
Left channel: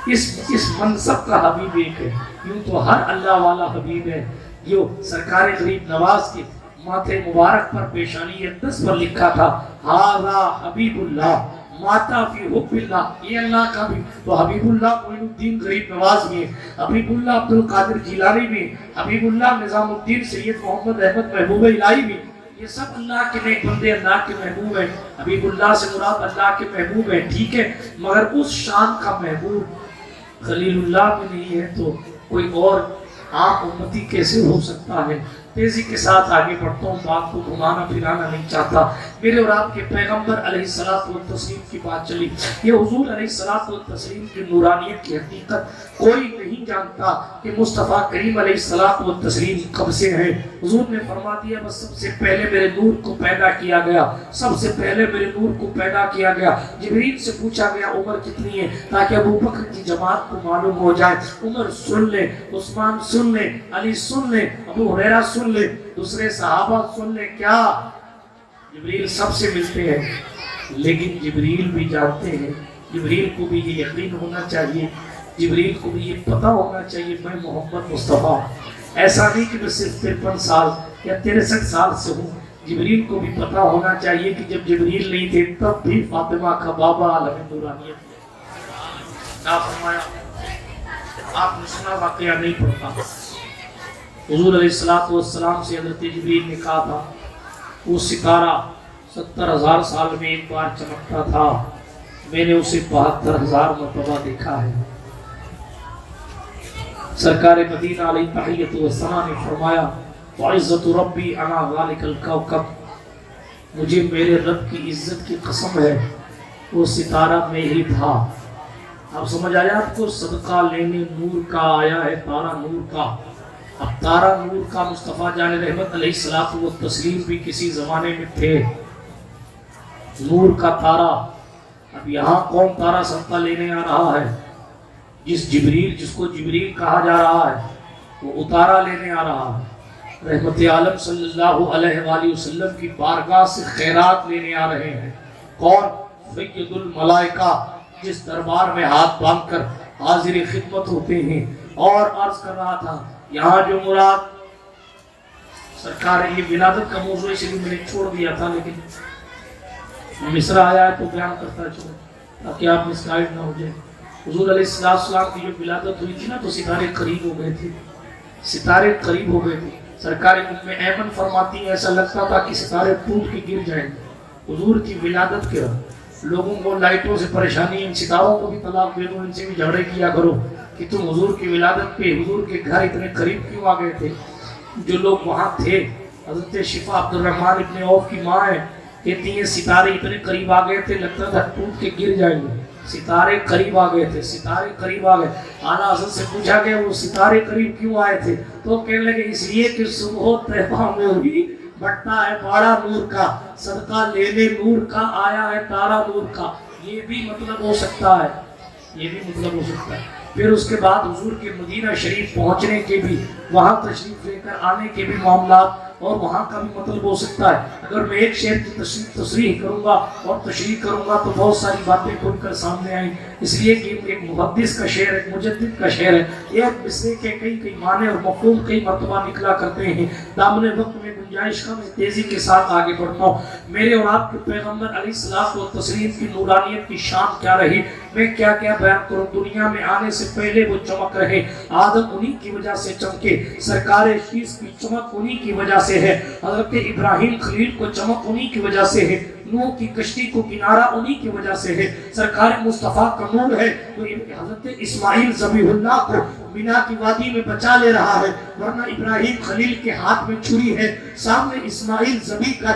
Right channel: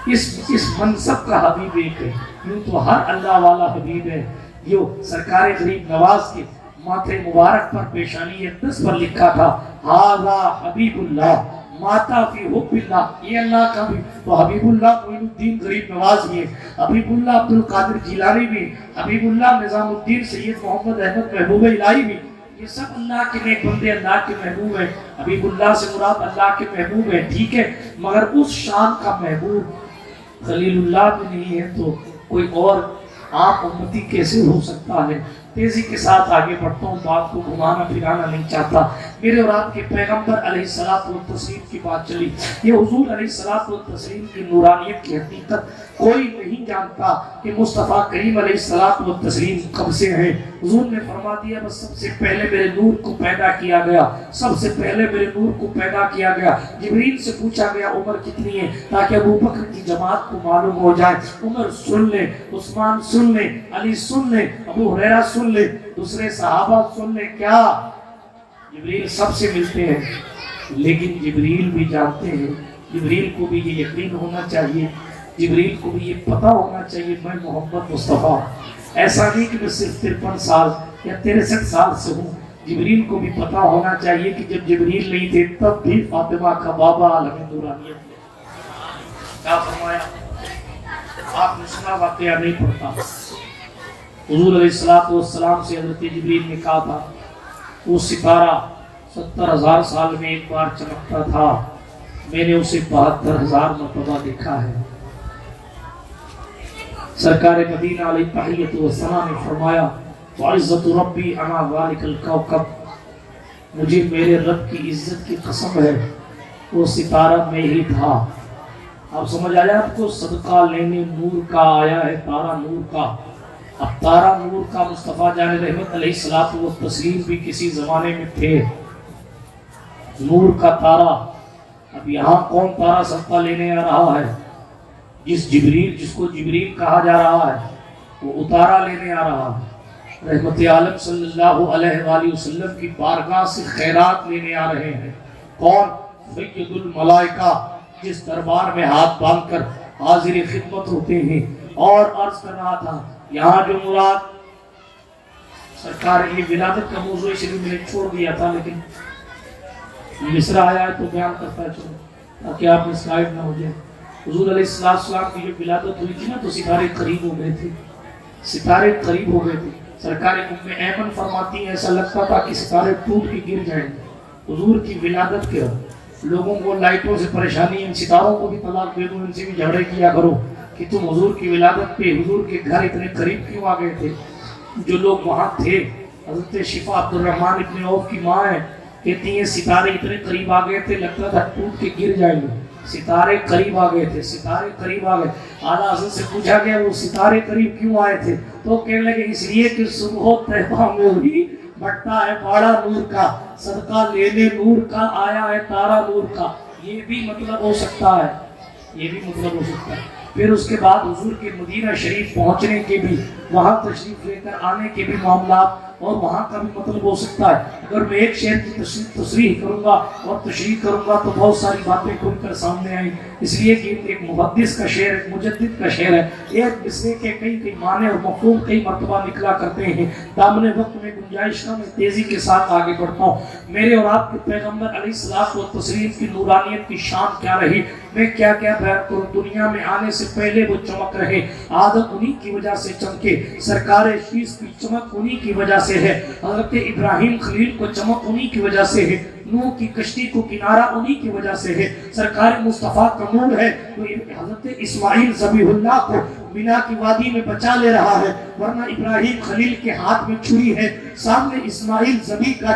اس منصب کا حبیب ایک ہے۔ یوں تو ہر اللہ والا حبیب ہے، جو سرکار غریب نواز کے ماتھے مبارک پر پیشانی اقدس پر لکھا تھا ھذا حبیب اللہ ماتا فی حب اللہ، یہ اللہ کا بھی تو حبیب اللہ معین الدین غریب نواز بھی، حبیب اللہ عبد القادر جیلانی بھی، حبیب اللہ نظام الدین سید محمد احمد محبوب الہی بھی، یہ سب اللہ کے نیک بندے، اللہ کے محبوب ہیں۔ حبیب اللہ سے مراد اللہ کے محبوب ہیں، ٹھیک ہے، مگر اس شان کا محبوب خلیل اللہ میں نہیں ہے تو کوئی اور عام امتی کیسے ہو سکتا ہے؟ تیزی کے ساتھ آگے بڑھتا ہوں، بات کو گھمانا پھرانا نہیں چاہتا۔ میرے اور آپ کے پیغمبر علیہ الصلوۃ والتسلیم کی بات چلی، یہ حضور علیہ الصلوۃ والتسلیم کی نورانیت کی حقیقت کوئی نہیں جانتا کہ مصطفیٰ کریم علیہ الصلوۃ والتسلیم کب سے ہیں۔ حضور نے فرما دیا بس سب سے پہلے میرے نور کو پیدا کیا گیا، سب سے پہلے میرے نور کو پیدا کیا گیا۔ جبریل سے پوچھا گیا عمر کتنی ہے تاکہ ابو بکر کی جماعت کو معلوم ہو جائے، عمر سن لے، عثمان سن لے، علی سن لے، ابو ہریرہ سن لے، دوسرے صحابہ سن لے۔ کیا جبریل سب سے ملتے ہیں، لیکن جبریل بھی جانتے ہیں، جبریل کو بھی یہ یقین ہونا چاہیے، جبریل کو بھی یہ پتہ ہونا چاہیے میں محمد مصطفیٰ، ایسا نہیں کہ میں صرف 53 سال یا 63 سال سے ہوں۔ جبریل کو بھی پتہ ہونا چاہیے کہ جب جبریل نہیں تھے تب بھی فاطمہ کا بابا عالم نورانیت کیا فرمایا؟ آپ نے سنا واقعہ نہیں پڑھتا، حضور علیہ الصلوۃ والسلام سے حضرت جبریل نے کہا تھا وہ ستارہ 70,000 سال میں ایک بار چمکتا تھا، میں نے اسے 72,000 مرتبہ دیکھا ہے۔ سرکار مدینہ علیہ تحیۃ والثنا نے فرمایا وعزت ربی انا ذلک الکوکب، مجھے میرے رب کی عزت کی قسم ہے وہ ستارہ میں ہی تھا۔ اب سمجھ آیا آپ کو؟ صدقہ لینے نور کا آیا ہے، تارا نور کا۔ اب تارا نور کا مصطفیٰ جان رحمت علیہ الصلوۃ والتسلیم بھی کسی زمانے میں تھے، نور کا تارا۔ اب یہاں کون تارا صدقہ لینے آ رہا ہے؟ جس کو جبریل کہا جا رہا ہے وہ اتارا لینے آ رہا ہے، رحمت عالم صلی اللہ علیہ وآلہ وسلم کی بارگاہ سے خیرات لینے آ رہے ہیں۔ کون؟ سید الملائکہ، جس دربار میں ہاتھ باندھ کر حاضر خدمت ہوتے ہیں۔ اور عرض کر رہا تھا یہاں جو مراد سرکار، یہ ولادت کا موضوع اس لیے میں نے چھوڑ دیا تھا، لیکن مصرع آیا ہے تو بیان کرتا چلو تاکہ آپ مسگائیڈ نہ ہو جائے۔ حضور علیہ السلام کی جو ولادت ہوئی تھی نا تو ستارے قریب ہو گئے تھے، ستارے قریب ہو گئے تھے۔ سرکار ام ایمن فرماتی ہیں ایسا لگتا تھا کہ ستارے ٹوٹ کے گر جائیں گے۔ حضور کی ولادت کے لوگوں کو لائٹوں سے پریشانی، ان ستاروں کو بھی طلاق دے دو، ان سے بھی جھگڑے کیا کرو کہ تم حضور کی ولادت پہ حضور کے گھر اتنے قریب کیوں آ گئے تھے؟ جو لوگ وہاں تھے، حضرت شفا عبد الرحمن ابن عوف کی ماں ہے، کہتی ہیں ستارے اتنے قریب آ گئے تھے لگتا تھا ٹوٹ کے گر جائیں گے۔ ستارے قریب آ گئے تھے، ستارے قریب آ گئے۔ اعلیٰ حضرت سے پوچھا گیا وہ ستارے قریب کیوں آئے تھے تو کہنے لگے اس لیے کہ صبح طیبہ میں ہوئی بٹا ہے باڑا نور کا، صدقہ لینے نور کا آیا ہے تارا نور کا۔ یہ بھی مطلب ہو سکتا ہے، یہ بھی مطلب ہو سکتا ہے۔ پھر اس کے بعد حضور کے مدینہ شریف پہنچنے کے بھی، وہاں تشریف لے کر آنے کے بھی معاملات اور وہاں کا بھی مطلب ہو سکتا ہے۔ اگر میں ایک شہر کی تصریح کروں گا اور تشریح کروں گا تو بہت ساری باتیں کھل کر سامنے آئیں، اس لیے کہ ایک محدث کا شعر، ایک مجدد کا شعر ہے، ایک مصرے کے کئی معنی اور مفہوم کئی مرتبہ نکلا کرتے ہیں۔ دامن وقت میں گنجائش کا میں تیزی کے ساتھ آگے بڑھتا ہوں۔ میرے اور آپ کے پیغمبر علیہ الصلوۃ والتسلیم کی نورانیت کی شان کیا رہی، میں کیا کیا بیان کروں۔ دنیا میں آنے سے پہلے وہ چمک رہے، آدم انہی کی وجہ سے چمکے، سرکار شیس کی چمک انہی کی وجہ سے ہے، حضرت ابراہیم خلیل کو چمک انہی کی وجہ سے ہے، نوح کی کشتی کو کنارہ انہی کی وجہ سے ہے، سرکار مصطفیٰ کا نور ہے تو حضرت اسماعیل ذبیح اللہ کو مینا کی وادی میں بچا لے رہا ہے، ورنہ ابراہیم خلیل کے ہاتھ میں چھری ہے، سامنے اسماعیل ذبیح کا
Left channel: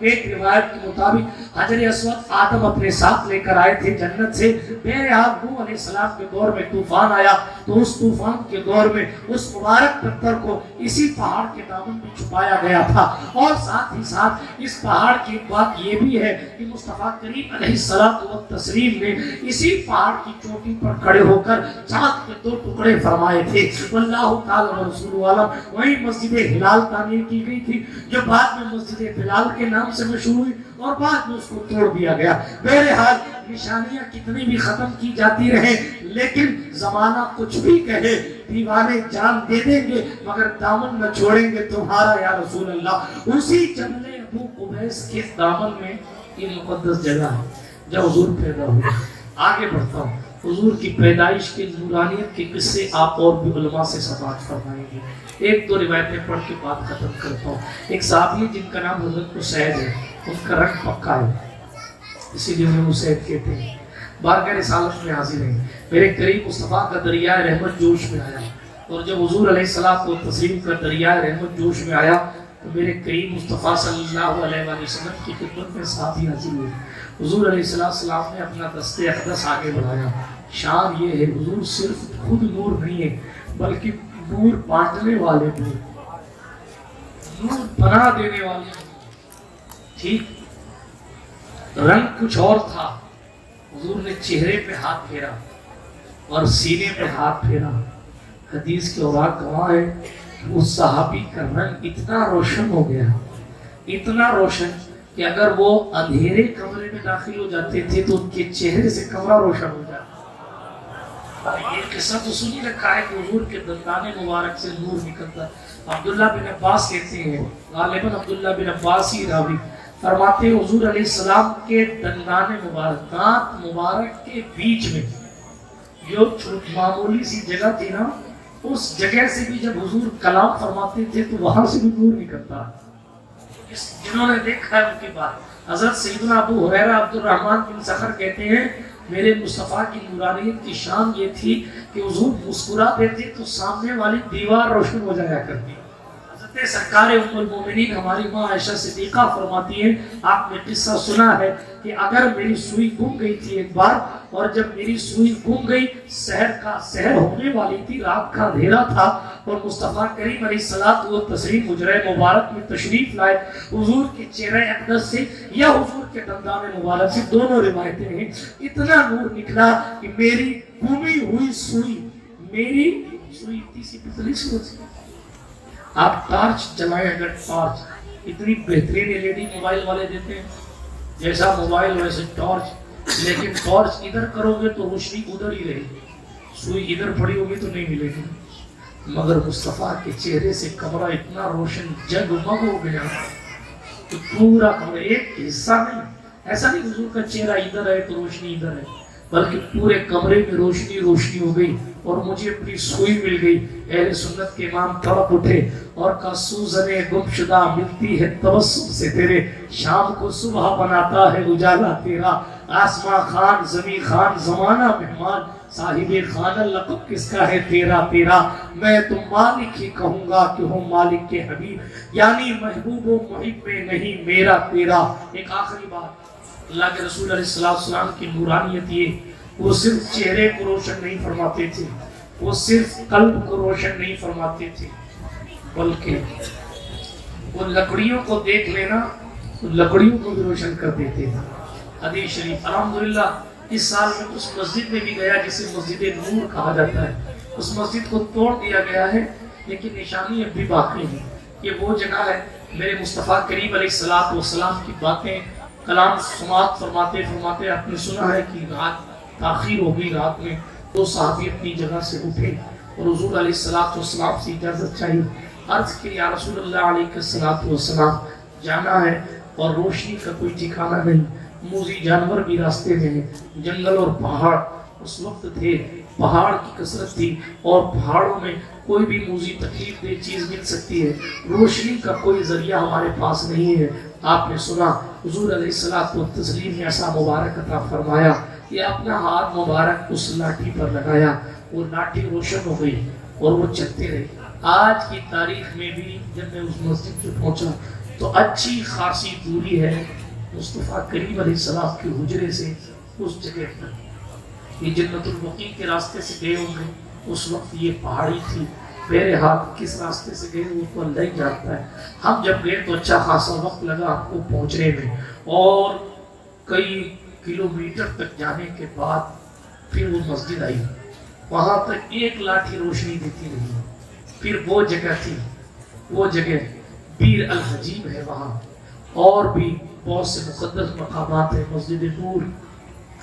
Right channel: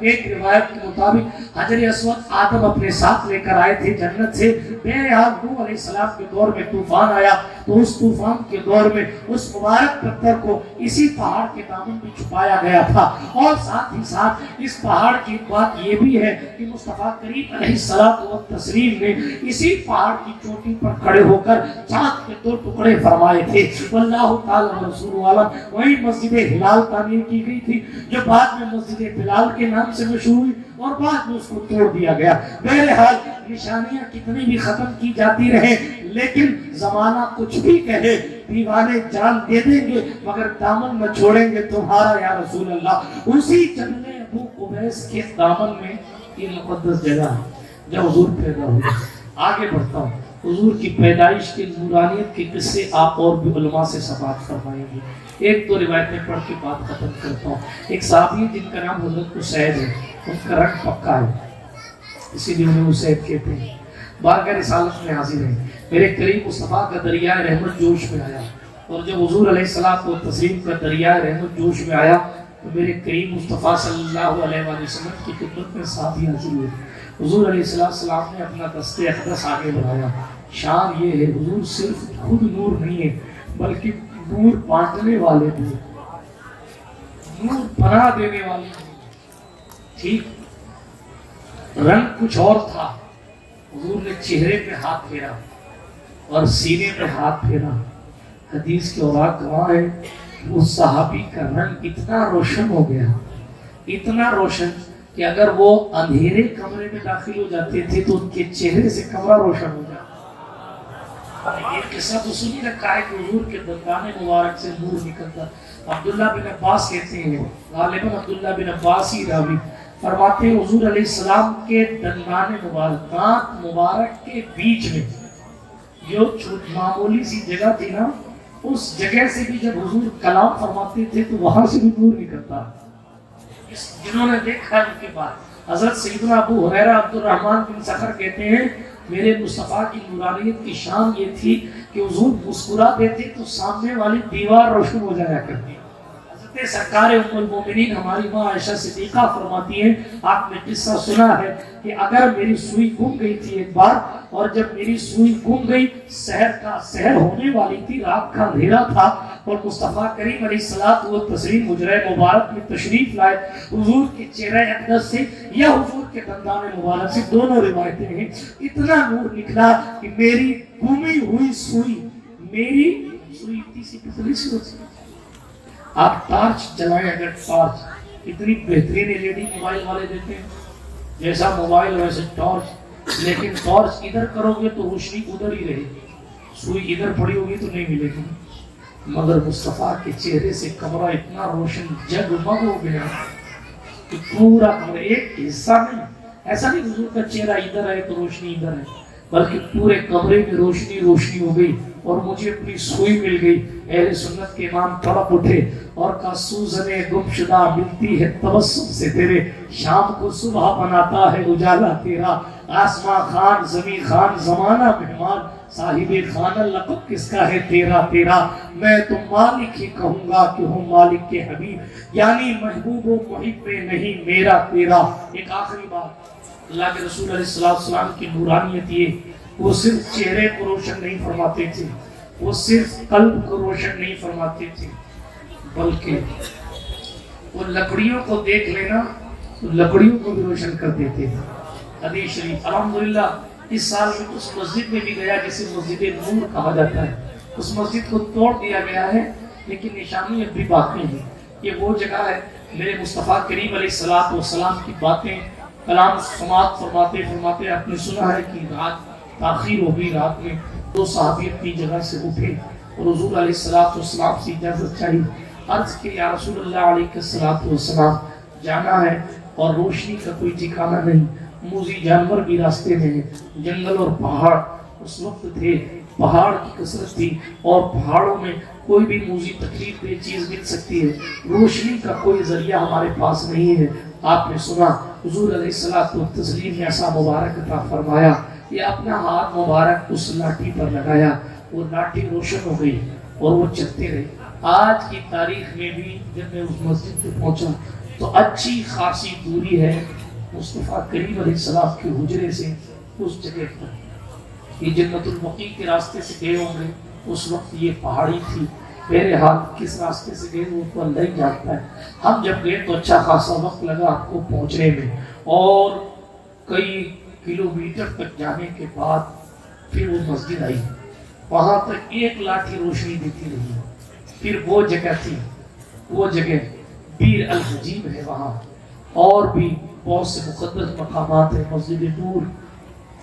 ایک روایت کے مطابق حجر اسود آدم اپنے ساتھ لے کر آئے تھے جنت سے، بہرحال نوح علیہ السلام کے دور میں طوفان آیا تو اس طوفان کے دور میں اس مبارک پتھر کو اسی پہاڑ کے دامن میں چھپایا گیا تھا۔ اور ساتھ ہی ساتھ اس پہاڑ کی بات یہ بھی ہے کہ مصطفیٰ کریم علیہ السلام نے اسی پہاڑ کی چوٹی پر کھڑے ہو کر چاند کے 2 ٹکڑے فرمائے تھے۔ واللہ تعالی رسول عالم، وہی مسجد ہلال تعمیر کی گئی تھی جو بعد میں مسجد بلال کے نام سے مشہور ہوئی اور بعد میں اس کو توڑ دیا گیا۔ بہرحال نشانیاں کتنی بھی ختم کی جاتی رہے لیکن زمانہ کچھ بھی کہے، دیوانے جان دے دیں گے مگر دامن نہ چھوڑیں گے تمہارا یا رسول اللہ۔ اسی جنگل ابو قبیس کے دامن میں یہ مقدس جگہ ہے جب حضور پیدا ہوئے۔ آگے بڑھتا ہوں، حضور کی پیدائش کی نورانیت کے قصے آپ اور بھی علماء سے سماعت فرمائیں گے۔ ایک دو روایتیں پڑھ کے بات ختم کرتا ہوں۔ ایک صحابی جن کا نام حضرت اسید ہے، ان کا رنگ پکا ہے اسی لیے انہیں اسید کہتے ہیں، بارگاہ رسالت میں حاضر ہیں۔ میرے قریب مصطفیٰ کا دریائے رحمت جوش میں آیا، اور جب حضور علیہ السلام و تسلیم کا دریائے رحمت جوش میں آیا تو میرے قریب مصطفیٰ صلی اللہ علیہ وسلم کی خدمت میں صحابی حاضر ہوئے۔ حضور علیہ السلام نے اپنا دست اقدس آگے بڑھایا۔ شان یہ ہے حضور صرف خود نور نہیں ہے بلکہ نور بانٹنے والے بھی، نور بنا دینے والے۔ ٹھیک رنگ کچھ اور تھا، حضور نے چہرے پہ ہاتھ پھیرا اور سینے پہ ہاتھ پھیرا۔ حدیث کے اوراق گواہ ہے کہ اس صحابی کا رنگ اتنا روشن ہو گیا، اتنا روشن کہ اگر وہ اندھیرے کمرے میں داخل ہو جاتے تھے تو ان کے چہرے سے کمرہ روشن ہو جاتا۔ یہ قصہ تو سنی رکھا ہے کہ حضور کے دندان مبارک سے نور نکلتا۔ عبداللہ بن عباس کہتے ہیں، غالباً عبداللہ بن عباس ہی راوی فرماتے ہیں، حضور علیہ السلام کے دندان مبارک، دانت مبارک کے بیچ میں جو معمولی سی جگہ تھی نا، اس جگہ سے بھی جب حضور کلام فرماتے تھے تو وہاں سے بھی نور نکلتا۔ جنہوں نے دیکھا ہے ان کی بات۔ حضرت سیدنا ابو ہریرہ عبد الرحمن بن سخر کہتے ہیں، میرے مصطفیٰ کی نورانیت کی شان یہ تھی کہ حضور مسکرا دیتے تو سامنے والی دیوار روشن ہو جایا کرتی۔ حضرت سرکار ام المومنین ہماری ماں عائشہ صدیقہ فرماتی ہیں، آپ نے قصہ سنا ہے کہ اگر میری سوئی گم گئی تھی ایک بار، اور جب میری سوئی گم گئی، سحر ہونے والی تھی، رات کا اندھیرا تھا، اور مصطفیٰ کریم علیہ الصلوۃ والتسلیم حجرہ مبارک میں تشریف لائے، حضور کے چہرہ اقدس سے یا حضور کے دندان مبارک سے، دونوں روایتیں ہیں، اتنا نور نکلا کہ میری گمی ہوئی سوئی، میری سوئی اتنی سی پتلی سی ہوتی ہے۔ آپ ٹارچ جلائیں، اگر ٹارچ اتنی بہترین LED موبائل والے دیتے ہیں، جیسا موبائل ویسے ٹارچ، لیکن ٹارچ ادھر کرو گے تو روشنی ادھر ہی رہے گی، سوئی ادھر پڑی ہوگی تو نہیں ملے گی۔ مگر مصطفیٰ کے چہرے سے کمرہ اتنا روشن جگمگ ہو گیا کہ پورا کمرہ، ایک حصہ میں، ایسا نہیں حضور کا چہرہ ادھر ہے تو روشنی ادھر ہے، بلکہ پورے کمرے میں روشنی ہو گئی، اور مجھے اپنی سوئی مل گئی۔ اہل سنت کے امام تڑپ اٹھے اور کہا، سوزنے گم شدہ ملتی ہے تبسم سے تیرے، شام کو صبح بناتا ہے اجالا تیرا، آسماں خان زمین خان زمانہ مہمان، صاحب خانہ لقب کس کا ہے تیرا تیرا، میں تو مالک ہی کہوں گا کہ ہوں مالک کے حبیب، یعنی محبوب و محب نہیں میرا تیرا۔ ایک آخری بات، اللہ کے رسول علیہ السلام کی نورانیت یہ، وہ صرف چہرے کو روشن نہیں فرماتے تھے، وہ صرف قلب کو روشن نہیں فرماتے تھے، بلکہ وہ لکڑیوں کو دیکھ لینا تو لکڑیوں کو بھی روشن کر دیتے ہیں۔ حدیث شریف، الحمدللہ اس سال میں اس مسجد میں بھی گیا جسے مسجد نور کہا جاتا ہے، اس مسجد کو توڑ دیا گیا ہے لیکن نشانی اب بھی باقی ہے۔ یہ وہ جگہ ہے، میرے مصطفیٰ کریم علیہ السلام کی باتیں کلام سماعت فرماتے آپ نے سنا ہے کہ رات تاخیر ہو گئی، رات میں 2 صحابی اپنی جگہ سے اٹھے اور حضور علیہ السلام سے اجازت چاہی، عرض کہ یا رسول اللہ علیہ السلام جانا ہے اور روشنی کا کوئی ٹھکانہ نہیں، موذی جانور بھی راستے میں ہیں، جنگل اور پہاڑ اس وقت تھے، پہاڑ کی کثرت تھی اور پہاڑوں میں کوئی بھی موذی تکلیف دہ چیز مل سکتی ہے، روشنی کا کوئی ذریعہ ہمارے پاس نہیں ہے۔ آپ نے سنا حضور علیہ السلام نے ایسا مبارک عطا فرمایا کہ اپنا ہاتھ مبارک اس لاٹھی پر لگایا، وہ لاٹھی روشن ہو گئی اور وہ چلتے رہے۔ آج کی تاریخ میں بھی جب میں اس مسجد پہ پہنچا تو اچھی خاصی دوری ہے مصطفیٰ کریم علیہ السلام کے حجرے سے اس جگہ پر۔ یہ جنت البقیع کے راستے سے گئے ہوں گے، اس وقت یہ پہاڑی تھی، بہرحال کس راستے سے گئے وہ تو اللہ ہی جانتا ہے۔ ہم جب گئے تو اچھا خاصا وقت لگا ہم کو پہنچنے میں، اور کئی کلومیٹر تک جانے کے بعد پھر وہ مسجد آئی، وہاں تک ایک لاٹھی روشنی دیتی رہی۔ پھر وہ جگہ تھی، وہ جگہ بیر الحجیب ہے، وہاں اور بھی بہت سے مقدس مقامات ہیں۔ مسجد نور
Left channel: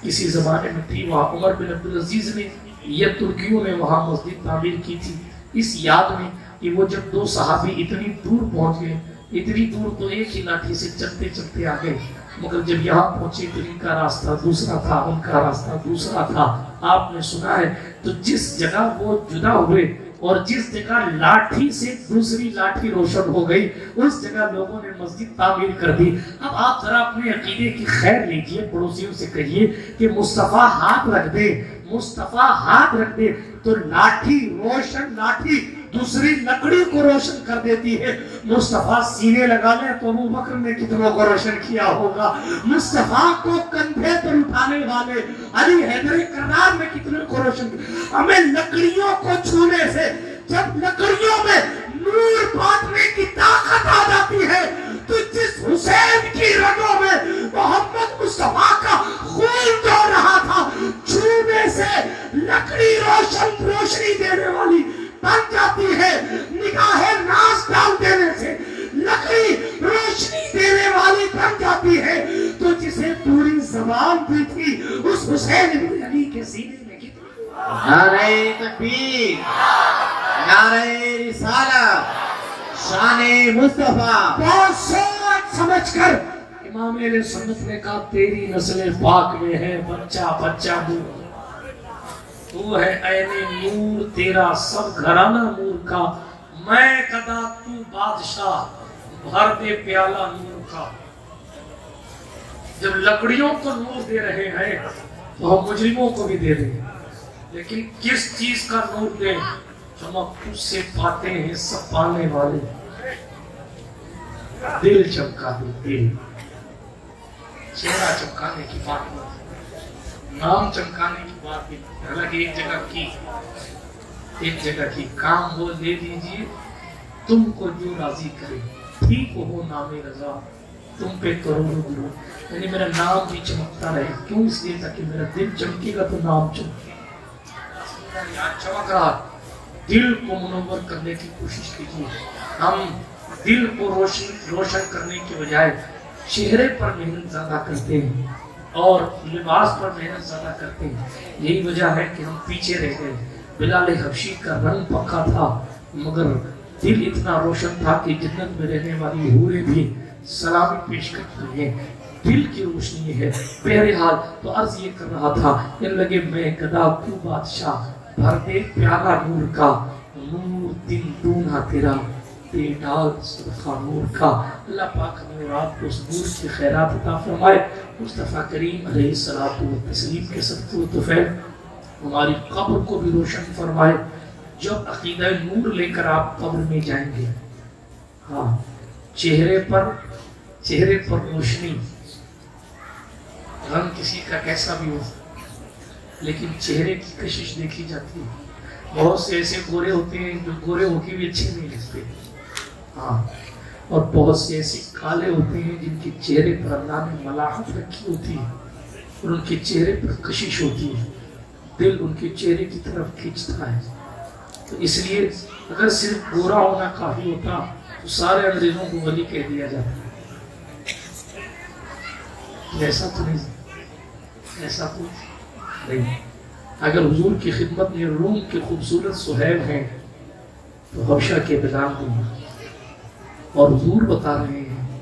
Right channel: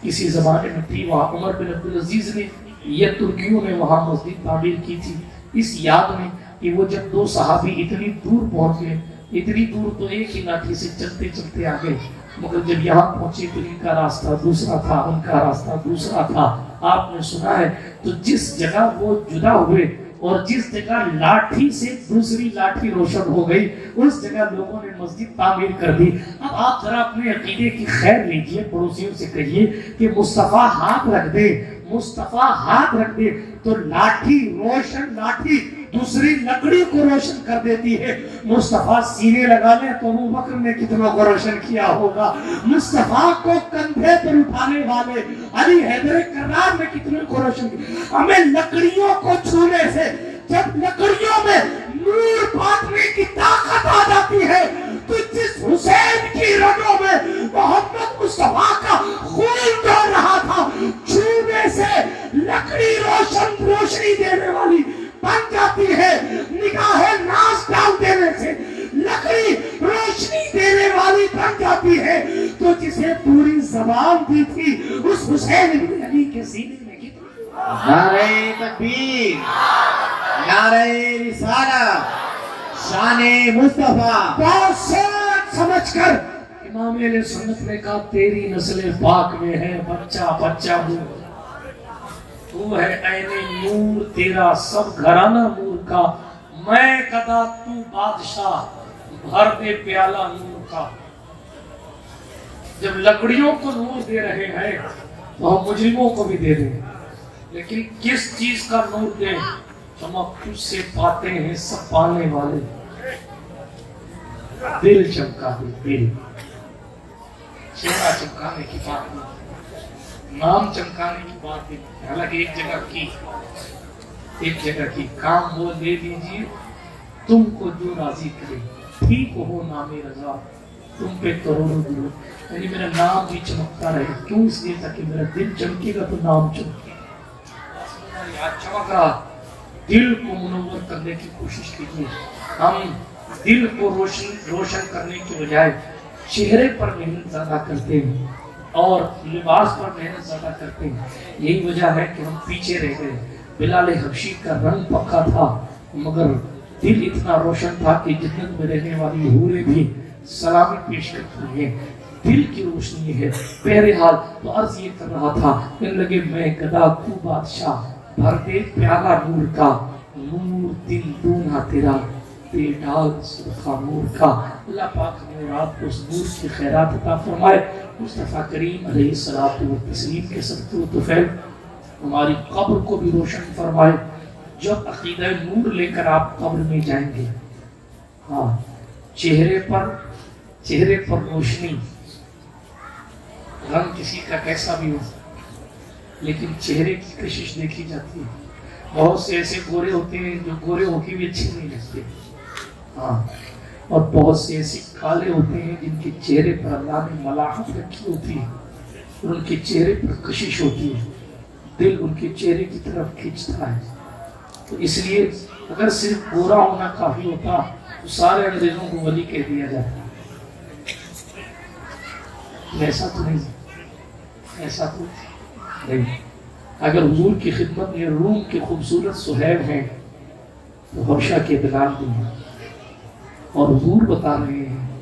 کسی زمانے میں تھی، وہاں عمر بن عبدالعزیز نے یا ترکیوں نے وہاں مسجد تعمیر کی تھی، اس یاد میں کہ وہ جب دو صحابی اتنی دور پہنچ گئے، اتنی دور تو ایک ہی لاٹھی سے چلتے چلتے آ گئے، مگر جب یہاں پہنچے تو ان کا راستہ دوسرا تھا، ان کا راستہ دوسرا تھا۔ آپ نے سنا ہے تو جس جگہ وہ جدا ہوئے اور جس جگہ لاٹھی سے دوسری لاٹھی روشن ہو گئی، اس جگہ لوگوں نے مسجد تعمیر کر دی۔ اب آپ ذرا اپنے عقیدے کی خیر لیجئے، پڑوسیوں سے کہیے کہ مصطفیٰ ہاتھ رکھ دے، مصطفیٰ ہاتھ رکھ دے تو لاٹھی روشن، لاٹھی دوسری لکڑی کو روشن کر دیتی ہے۔ مصطفیٰ سینے لگا لے تو ابو بکر نے کتنوں کو روشن کیا ہوگا، مصطفیٰ کو کندھے پر اٹھانے والے علی حیدر کرار نے کتنے کو روشن کیا۔ ہمیں لکڑیوں کو چھونے سے، جب لکڑیوں میں نور بانٹنے کی طاقت آ جاتی ہے تو جس حسین کی رگوں میں محمد مصطفیٰ کا خون دوڑ رہا تھا، چھونے سے لکڑی روشنی دینے والی بن جاتی ہے، نگاہ ناز ڈال دینے سے لکڑی روشنی دینے والی بن جاتی ہے۔ تو جسے پوری زبان دی تھی اس حسین بن علی کے سینے میں کتنی نعرہ تکبیر، نعرہ رسالہ، شان مصطفیٰ۔ بہت سوچ سمجھ کر امام علیہ سنت نے کہا تیری نسل پاک میں ہے بچہ بچہ نور، تو ہے عین نور تیرا سب گھرانہ نور کا، میں قدا تو بادشاہ بھر دے پیالہ نور کا۔ جب لکڑیوں کو نور دے رہے ہیں تو ہم مجرموں کو بھی دے دیں، لیکن کس چیز کا نور دیں؟ چمک تجھ سے پاتے ہیں سب پانے والے، دل چمکا دے، دل، چہرہ چمکانے کی بات نہیں، نام چمکانے کی بات نہیں۔ حالانکہ ایک جگہ کی کام وہ لے لیجیے تم کو جو راضی کرے، ٹھیک ہو نام رضا تم پہ کروڑوں درود، یعنی میرا نام بھی چمکتا رہے۔ کیوں؟ اس لیے تاکہ میرا دل چمکے گا تو نام چمکے گا۔ چمک رہا، دل کو منور کرنے کی کوشش کیجیے۔ ہم دل کو روشن کرنے کے بجائے چہرے پر محنت زیادہ کرتے ہیں اور لباس پر محنت زیادہ کرتے ہیں، یہی وجہ ہے کہ ہم پیچھے رہ گئے۔ بلال حبشی کا رنگ پکا تھا مگر دل اتنا روشن تھا کہ جنت میں رہنے والی حوریں بھی سلامی پیش کرتی ہیں، دل کی روشنی ہے۔ بہرحال تو عرض یہ کر رہا تھا کہ لگے میں گدا تو بادشاہ بھر دے پیالہ نور کا، نور دل دونہ تیرا بے ڈال سرخا نور کا۔ اللہ پاک ہمیں رات کو اس نور کی خیرات عطا فرمائے۔ مصطفیٰ کریم علیہ الصلوۃ والتسلیم کے صدقے و طفیل ہماری قبر کو بھی روشن فرمائے۔ جب عقیدہ نور لے کر آپ قبر میں جائیں گے، ہاں چہرے پر روشنی، رنگ کسی کا کیسا بھی ہو لیکن چہرے کی کشش دیکھی جاتی ہے۔ بہت سے ایسے گورے ہوتے ہیں جو گورے ہو کے بھی اچھے نہیں لگتے، ہاں، اور بہت سے ایسے کالے ہوتے ہیں جن کے چہرے پر اللہ نے ملاحت رکھی ہوتی ہے اور ان کے چہرے پر کشش ہوتی ہے، دل ان کے چہرے کی طرف کھینچتا ہے۔ تو اس لیے اگر صرف گورا ہونا کافی ہوتا تو سارے انگریزوں کو ولی کہہ دیا جاتا، ایسا تو نہیں، ایسا تو نہیں۔ اگر حضور کی خدمت میں روم کے خوبصورت سہیل ہیں تو حبشہ کے بلال بھی ہیں، اور حضور بتا رہے ہیں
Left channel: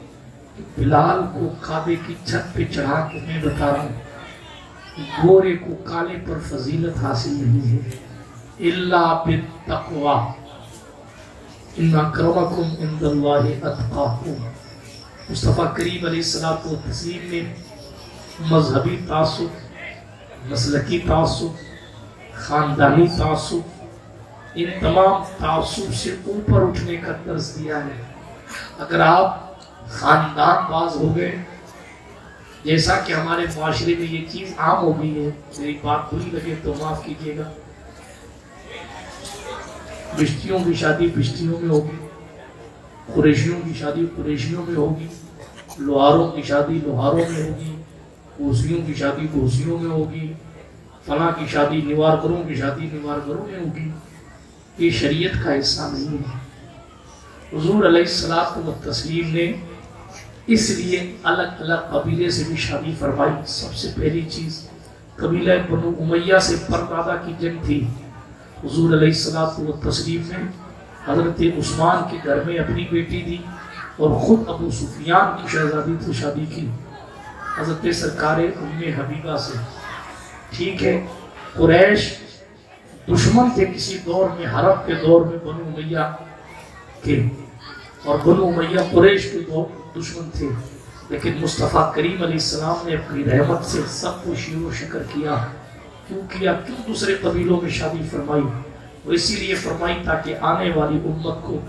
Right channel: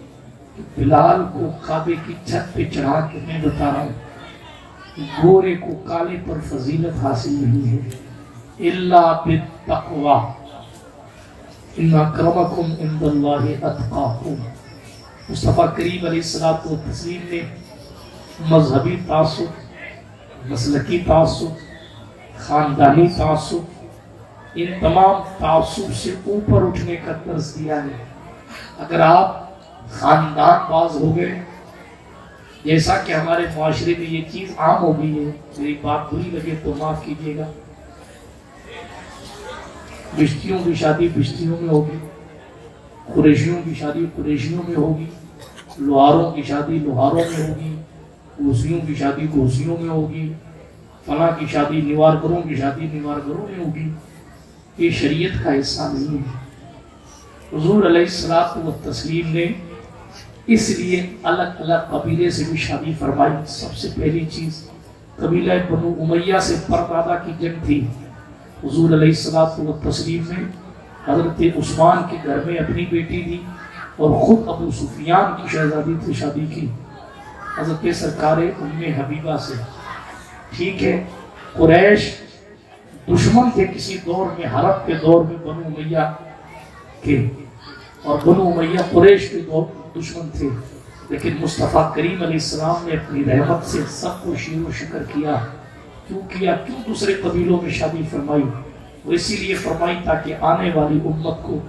کہ بلال کو کعبے کی چھت پہ چڑھا کے میں بتا رہا ہوں کہ گورے کو کالے پر فضیلت حاصل نہیں ہے الا بالتقوی، ان اکرمکم عند اللہ اتقاکم۔ مصطفیٰ کریم علیہ الصلوۃ والتسلیم نے مذہبی تعصب، مسلکی تعصب، خاندانی تعصب، ان تمام تعصب سے اوپر اٹھنے کا درس دیا ہے۔ اگر آپ خاندان باز ہو گئے، جیسا کہ ہمارے معاشرے میں یہ چیز عام ہو گئی ہے. میری بات بری لگے تو معاف کیجیے گا. بشتیوں کی شادی بشتیوں میں ہوگی، قریشیوں کی شادی قریشیوں میں ہوگی، لوہاروں کی شادی لوہاروں میں ہوگی، کوسیوں کی شادی کوسیوں میں ہوگی، فلاں کی شادی نیوارگروں کی شادی نیوارگروں میں ہوگی. یہ شریعت کا حصہ نہیں ہے. حضور علیہ الصلوۃ والتسلیم نے اس لیے الگ الگ قبیلے سے بھی شادی فرمائی. سب سے پہلی چیز قبیلہ بنو امیہ سے پردادا کی جنگ تھی. حضور علیہ الصلوۃ والتسلیم نے حضرت عثمان کے گھر میں اپنی بیٹی دی اور خود ابو سفیان کی شہزادی سے شادی کی حضرت سرکار ام حبیبہ سے. ٹھیک ہے، قریش دشمن تھے کسی دور میں، حرب کے دور میں بنو امیہ کے، اور بنو امیہ قریش کے دشمن تھے. لیکن مصطفیٰ کریم علیہ السلام نے اپنی رحمت سے سب کو شیر و شکر کیا. کیوں دوسرے قبیلوں میں شادی فرمائی؟ وہ اسی لیے فرمائی تاکہ آنے والی امت کو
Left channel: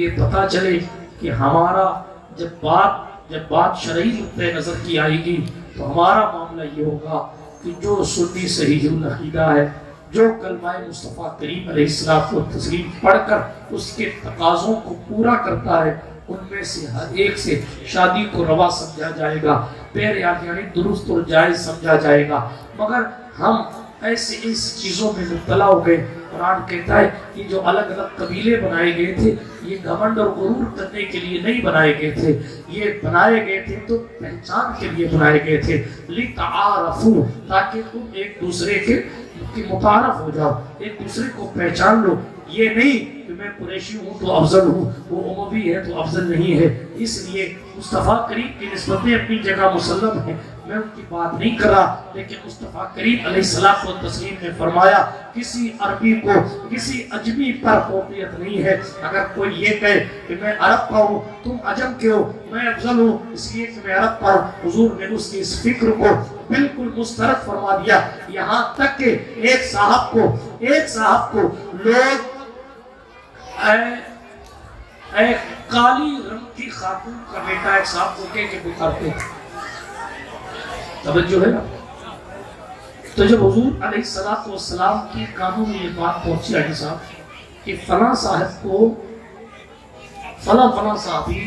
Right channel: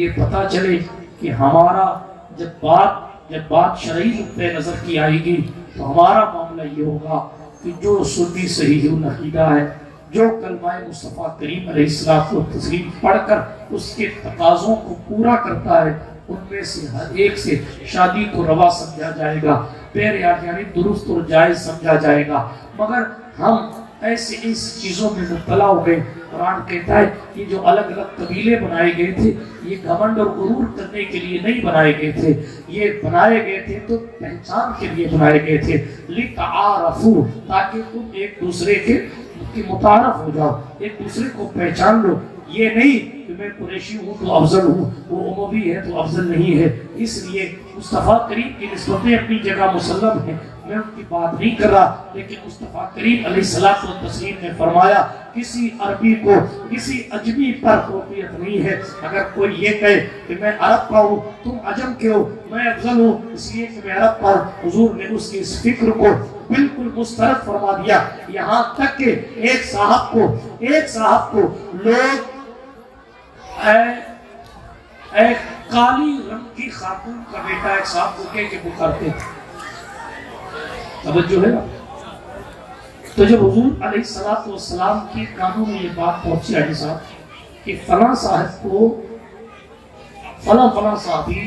یہ پتہ چلے کہ ہمارا جب بات شرعی نقطۂ نظر کی آئے گی تو ہمارا معاملہ یہ ہوگا کہ جو سنی صحیح العقیدہ ہے، جو کلمہ مصطفیٰ کریم علیہ السلام کو تسلیم پڑھ کر اس کے تقاضوں کو پورا کرتا ہے، ان میں سے ہر ایک سے شادی کو روا سمجھا جائے گا، یعنی درست اور جائز سمجھا جائے گا. مگر ہم ایسے اس چیزوں میں مبتلا ہو گئے. قرآن کہتا ہے کہ جو الگ الگ قبیلے بنائے گئے تھے یہ گھمنڈ اور غرور کرنے کے لیے نہیں بنائے گئے تھے، یہ بنائے گئے تھے تو پہچان کے لیے بنائے گئے تھے. لِتَعَارَفُوا، تاکہ تم ایک دوسرے کے متعارف ہو جاؤ، ایک دوسرے کو پہچان لو. یہ نہیں کہ میں قریشی ہوں تو افضل ہوں، وہ اموی ہے تو افضل نہیں ہے. اس لیے مصطفیٰ کریم کی نسبتیں اپنی جگہ مسلم ہیں، میں ان کی بات نہیں کر رہا. لیکن مصطفیٰ کریم علیہ الصلوۃ والتسلیم نے فرمایا کسی عربی کو کسی اجمی پر فوقیت نہیں ہے. اگر کوئی یہ کہے کہ میں عرب کا ہوں تم عجم کے ہو، میں افضل ہوں اس لیے کہ میں عرب کا ہوں، حضور نے اس کی اس فکر کو بالکل مسترد فرما دیا. یہاں تک کہ ایک صاحب کو لوگ ایک کالی رنگ کی خاتون کا بیٹا ایک صاحب کو کہہ کے پکارتے تھے. توجہ ہے نا؟ تو جب حضور علیہ الصلوۃ والسلام کی کانوں میں یہ بات پہنچی علی صاحب کہ فلاں صاحب کو فلاں صاحبی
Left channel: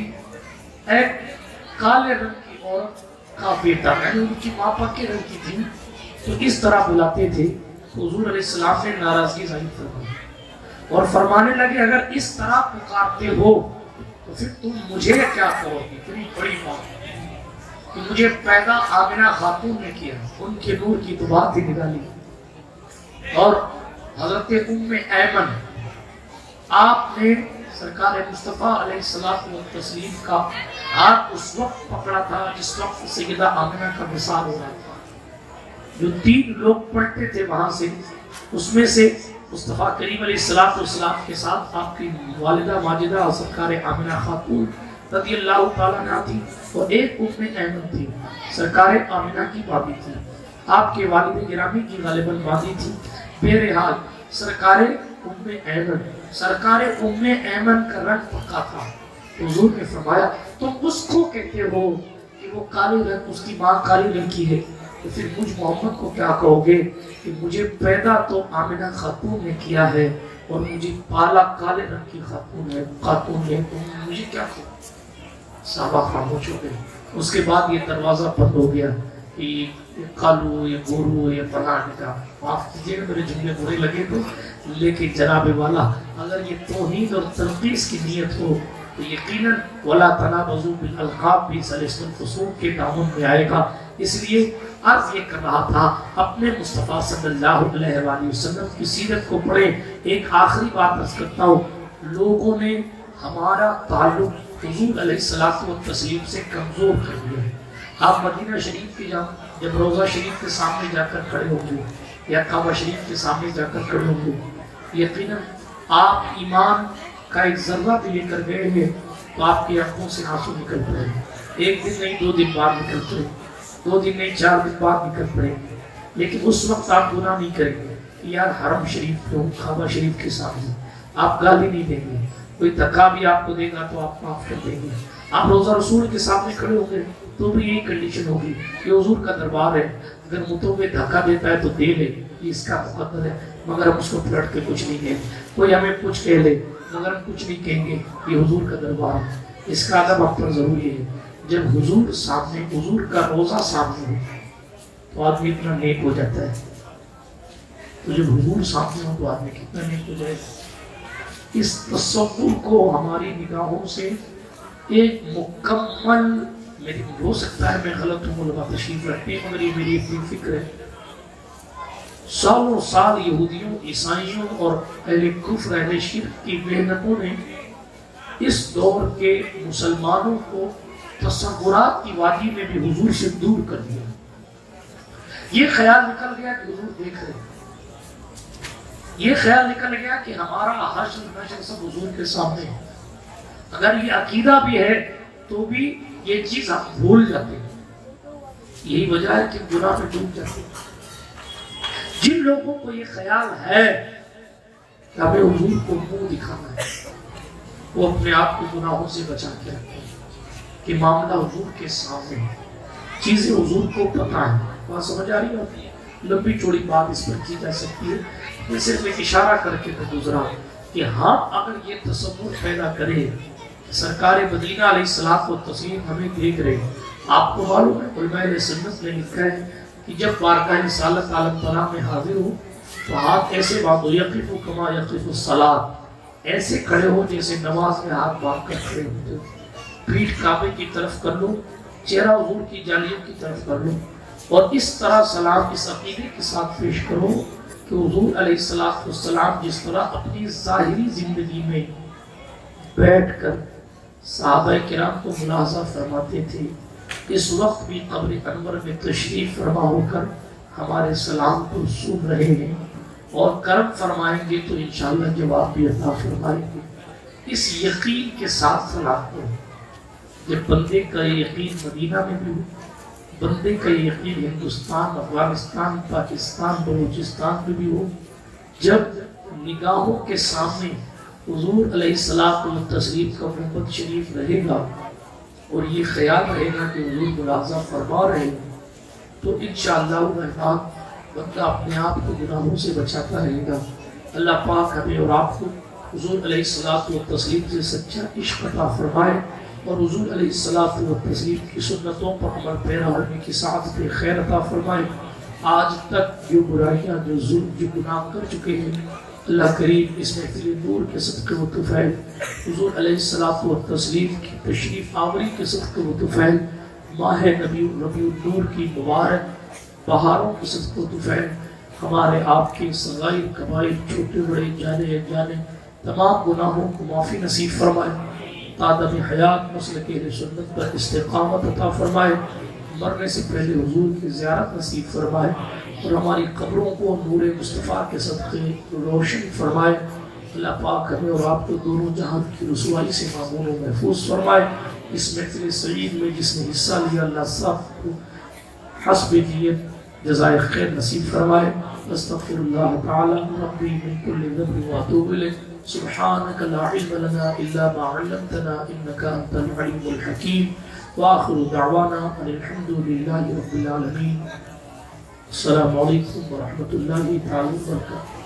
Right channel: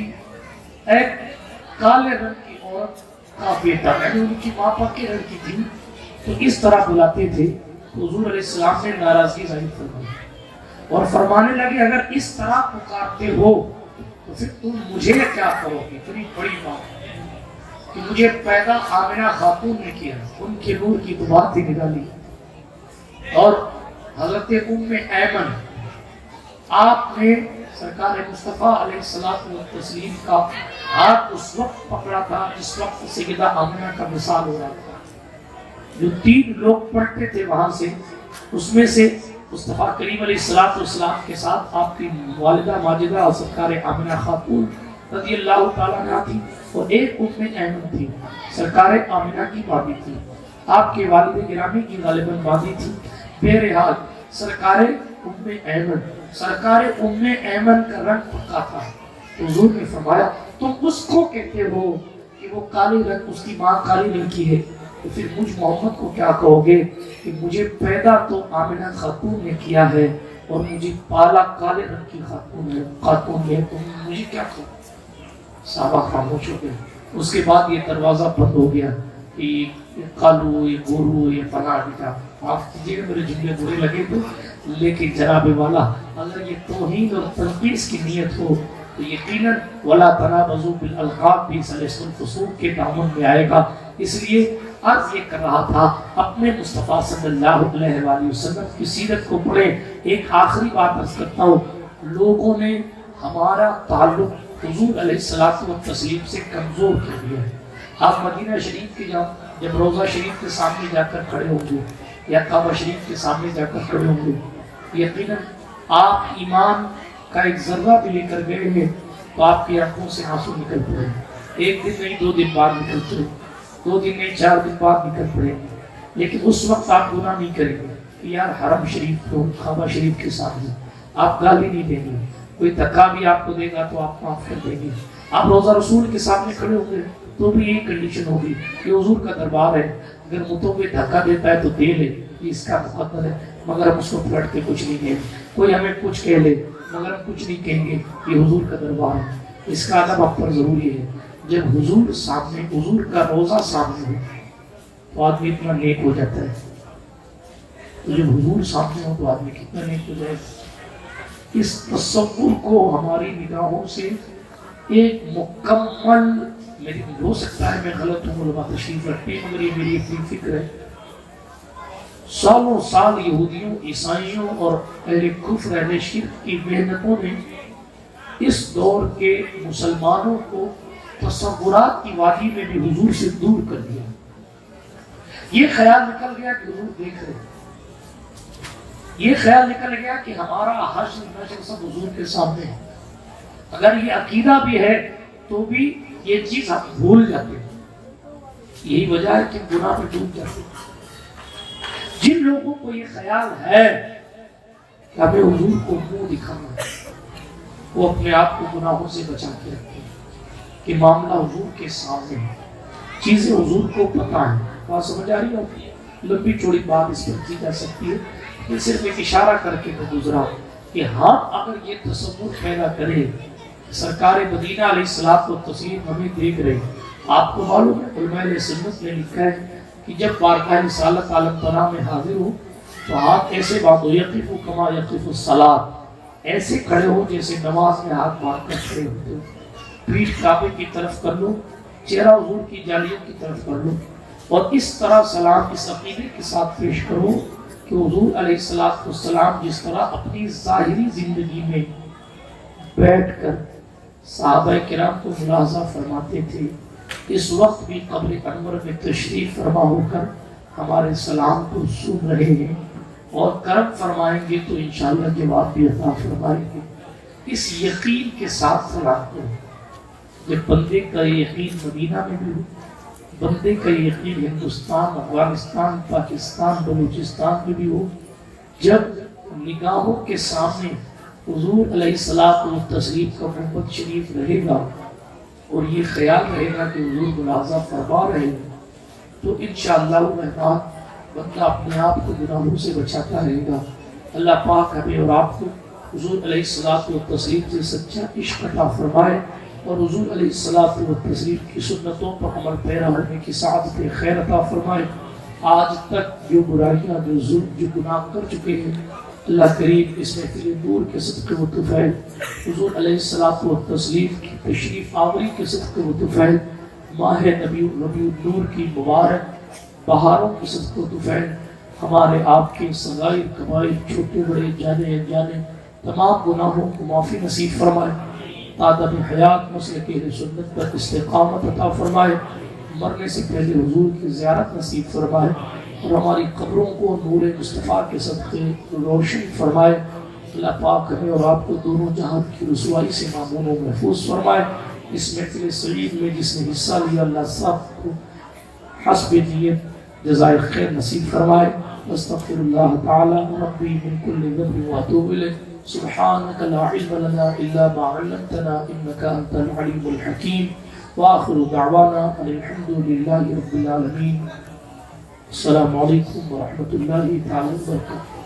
ایک کالے رنگ کی عورت کا بیٹا، یعنی ان کی ماں پکے رنگ کی تھی، تو اس طرح بلاتے تھے. تو حضور علیہ السلام نے ناراضگی ظاہر فرمائی اور فرمانے لگے اگر اس طرح پکارتے ہو تو پھر تم مجھے کیا کرو گی؟ اتنی بڑی بات کہ مجھے پیدا آمنہ خاتون نے کیا، ان کے نور کی تو بات ہی نکالی. اور حضرت ام ایمن، آپ نے سرکار مصطفیٰ علیہ الصلوۃ والتسلیم کا ہاتھ اس وقت پکڑا تھا جس وقت سیدہ آمنہ کا وصال ہو رہا تھا. جو 3 لوگ پڑھتے تھے وہاں سے، اس میں سے مصطفیٰ کریم علیہ الصلوۃ والسلام کے ساتھ آپ کی والدہ ماجدہ سرکار آمنہ خاتون رضی اللہ تعالیٰ عنہا تھی، اور ایک ام ایمن تھی، سرکار آمنہ کی بابی تھی، آپ کے والد گرامی کی غالباً بابی تھی. بہرحال سرکار ام ایمن کا رنگ پکا تھا. حضور نے فرمایا تم اس کو کہتے ہو کہ وہ کالی رنگ، اس کی ماں کالی رنگ کی ہے، تو پھر مجھ محمد کو کیا کہو گے کہ مجھے پیدا تو آمنہ خاتون نے کیا ہے اور مجھے پالا کالے رنگ کی خاتون ہے، تو مجھے کیا کہو؟ صحابہ خاموش ہو گئے. اس کے بعد یہ دروازہ بند ہو گیا کہ یہ کالو، یہ گورو، یہ فلاں کا. معاف کیجیے گا میرے جملے برے لگے تو، لیکن جناب والا اگر یہ توہین اور تنقیص کی نیت ہو تو یقیناً وَلَا تَنَابَزُوا بِالْأَلْقَابِ بھی سلسل فسوق کے دامن میں آئے گا. اس لیے عرض یہ کر رہا تھا اپنے مصطفیٰ صلی اللہ علیہ وآلہ وسلم کی سیرت کو پڑھے. ایک آخری بات عرض کرتا ہوں، لوگوں نے ہمارا تعلق حضور علیہ الصلوۃ والتسلیم سے کمزور کر دیا ہے. آپ مدینہ شریف کے جب روضہ شریف کے سامنے جا کر کھڑے ہوں گے یا کعبہ شریف کے سامنے جا کر کھڑے ہوں گے، یقیناً آپ ایمان کا ایک ذرہ بھی لے کر گئے ہیں تو آپ کی آنکھوں سے آنسو نکل پڑے. ایک دن نہیں 2 دن بعد نکل پڑے، 2 دن نہیں 4 دن بعد نکل پڑے. لیکن اس وقت آپ گناہ نہیں کریں گے کہ یار حرم شریف کو، کعبہ شریف کے سامنے آپ گالی نہیں دیں گے. کوئی دھکا بھی آپ کو دے گا تو آپ معاف کر دیں گے. آپ روزہ رسول کے سامنے کھڑے ہوں گے تو بھی یہی کنڈیشن ہوگی کہ حضور کا دربار ہے، اگر متوں میں دھکا دیتا ہے تو دے لے، یہ اس کا مقدر ہے، مگر ہم اس کو پلٹ کے کچھ نہیں کہیں گے۔ کوئی ہمیں کچھ کہہ لے مگر ہم کچھ نہیں کہیں گے، یہ حضور کا دربار ہے۔ اس کا ادب آپ پر ضروری ہے۔ جب حضور سامنے، حضور کا روزہ سامنے ہو تو آدمی اتنا نیک ہو جاتا ہے، تو جب حضور سامنے ہو تو آدمی کتنا نیک ہو جائے گا۔ اس تصور کو ہماری نگاہوں سے ایک مکمل، میری ہو سکتا ہے میں غلط ہوں، علماء تشریف رکھتے ہیں، مگر یہ میری اپنی فکر ہے، سالوں سال یہودیوں، عیسائیوں اور اہل کفر، اہل شرک کی محنتوں نے اس دور کے مسلمانوں کو تصورات کی وادی میں بھی حضور سے دور کر دیا۔ یہ خیال نکل گیا کہ حضور دیکھ رہے ہیں، یہ خیال نکل گیا کہ ہمارا حشر نشر سب حضور کے سامنے ہے۔ اگر یہ عقیدہ بھی ہے تو بھی یہ چیز ہم بھول جاتے ہیں، یہی وجہ ہے کہ گناہ میں ڈوب جاتے ہیں۔ جن لوگوں کو یہ خیال ہے کہ ہمیں حضور کو منہ دکھانا ہے، وہ اپنے آپ کو گناہوں سے بچا کے رکھتے ہیں کہ معاملہ حضور کے سامنے ہے، چیزیں حضور کو پتہ ہیں۔ وہاں سمجھ آ رہی ہے آپ کی؟ لمبی چوڑی بات اس پر کی جا سکتی ہے، یہ صرف ایک اشارہ کر کے میں گزرا کہ ہم اگر یہ تصور پیدا کریں، سرکار مدینہ علیہ الصلوۃ والتسلیم ہمیں دیکھ رہے ہیں۔ آپ کو معلوم ہے علماء سنت نے لکھا ہے کہ جب بارگاہ رسالت عالم پناہ میں حاضر ہو تو ہاتھ ایسے باندھو، یقف کما یقف الصلاۃ، ایسے کھڑے ہو جیسے نماز میں ہاتھ باندھ کر کھڑے ہوتے ہو، پیٹھ کعبے کی طرف کر لو، چہرہ حضور کی جالیوں کی طرف کر لو، اور اس طرح سلام اس عقیدے کے ساتھ پیش کرو کہ حضور علیہ الصلوۃ والسلام جس طرح اپنی ظاہری زندگی میں بیٹھ کر صحابہ کرام کو ملاحظہ فرماتے تھے، اس وقت بھی قبر انور میں تشریف فرما ہو کر ہمارے سلام کو سن رہے ہیں، اور کرم فرمائیں گے تو انشاءاللہ جواب بھی عطا فرمائیں گے۔ اس یقین کے ساتھ سلام کرو۔ جب بندے کا یقین مدینہ میں بھی ہو، بندے کا یقین ہندوستان، افغانستان، پاکستان، بلوچستان میں بھی ہو، جب نگاہوں کے سامنے حضور علیہ الصلوۃ والتسلیم کا محمد شریف رہے گا اور یہ خیال رہے گا کہ حضور ملاحظہ فرما رہے ہیں، تو انشاءاللہ الرحمن بندہ اپنے آپ کو گناہوں سے بچاتا رہے گا۔ اللہ پاک ہمیں اور آپ کو حضور علیہ الصلوۃ والتسلیم سے سچا عشق عطا فرمائے، اور حضور علیہ الصلوۃ والتسلیم کی سنتوں پر عمل پیرا ہونے کی سعادت خیر عطا فرمائے۔ آج تک جو برائیاں، جو ظلم، جو گناہ کر چکے ہیں، اللہ کریم اس محفل نور کے صدقے و طفیل، حضور علیہ الصلوۃ والتسلیم کی تشریف آوری کے صدقے و طفیل، ماہ ربیع النور کی مبارک بہاروں کے صدقے و طفیل، ہمارے آپ کے صغائر کبائر، چھوٹے بڑے، جانے انجانے تمام گناہوں کو معافی نصیب فرمائے، آدم حیات مسلک اہل سنت پر استقامت عطا فرمائے، مرنے سے پہلے حضور کی زیارت نصیب فرمائے، اور ہماری قبروں کو نور مصطفیٰ کے صدقے روشن فرمائے۔ اللہ پاک ہمیں اور آپ کو دونوں جہان کی رسوائی سے معمون و محفوظ فرمائے۔ اس محفل سعید میں جس نے حصہ لیا، اللہ سب کو حسب نیت جزائے خیر نصیب فرمائے۔ استغفر اللہ تعالی ربی من کل ذنب واتوب الیہ۔ سبحانک لا علم لنا الا ما علمتنا انک انت العلیم الحکیم۔ وآخر دعوانا ان الحمد للہ رب العالمین۔ السلام علیکم ورحمۃ اللہ تعالی وبرکاتہ۔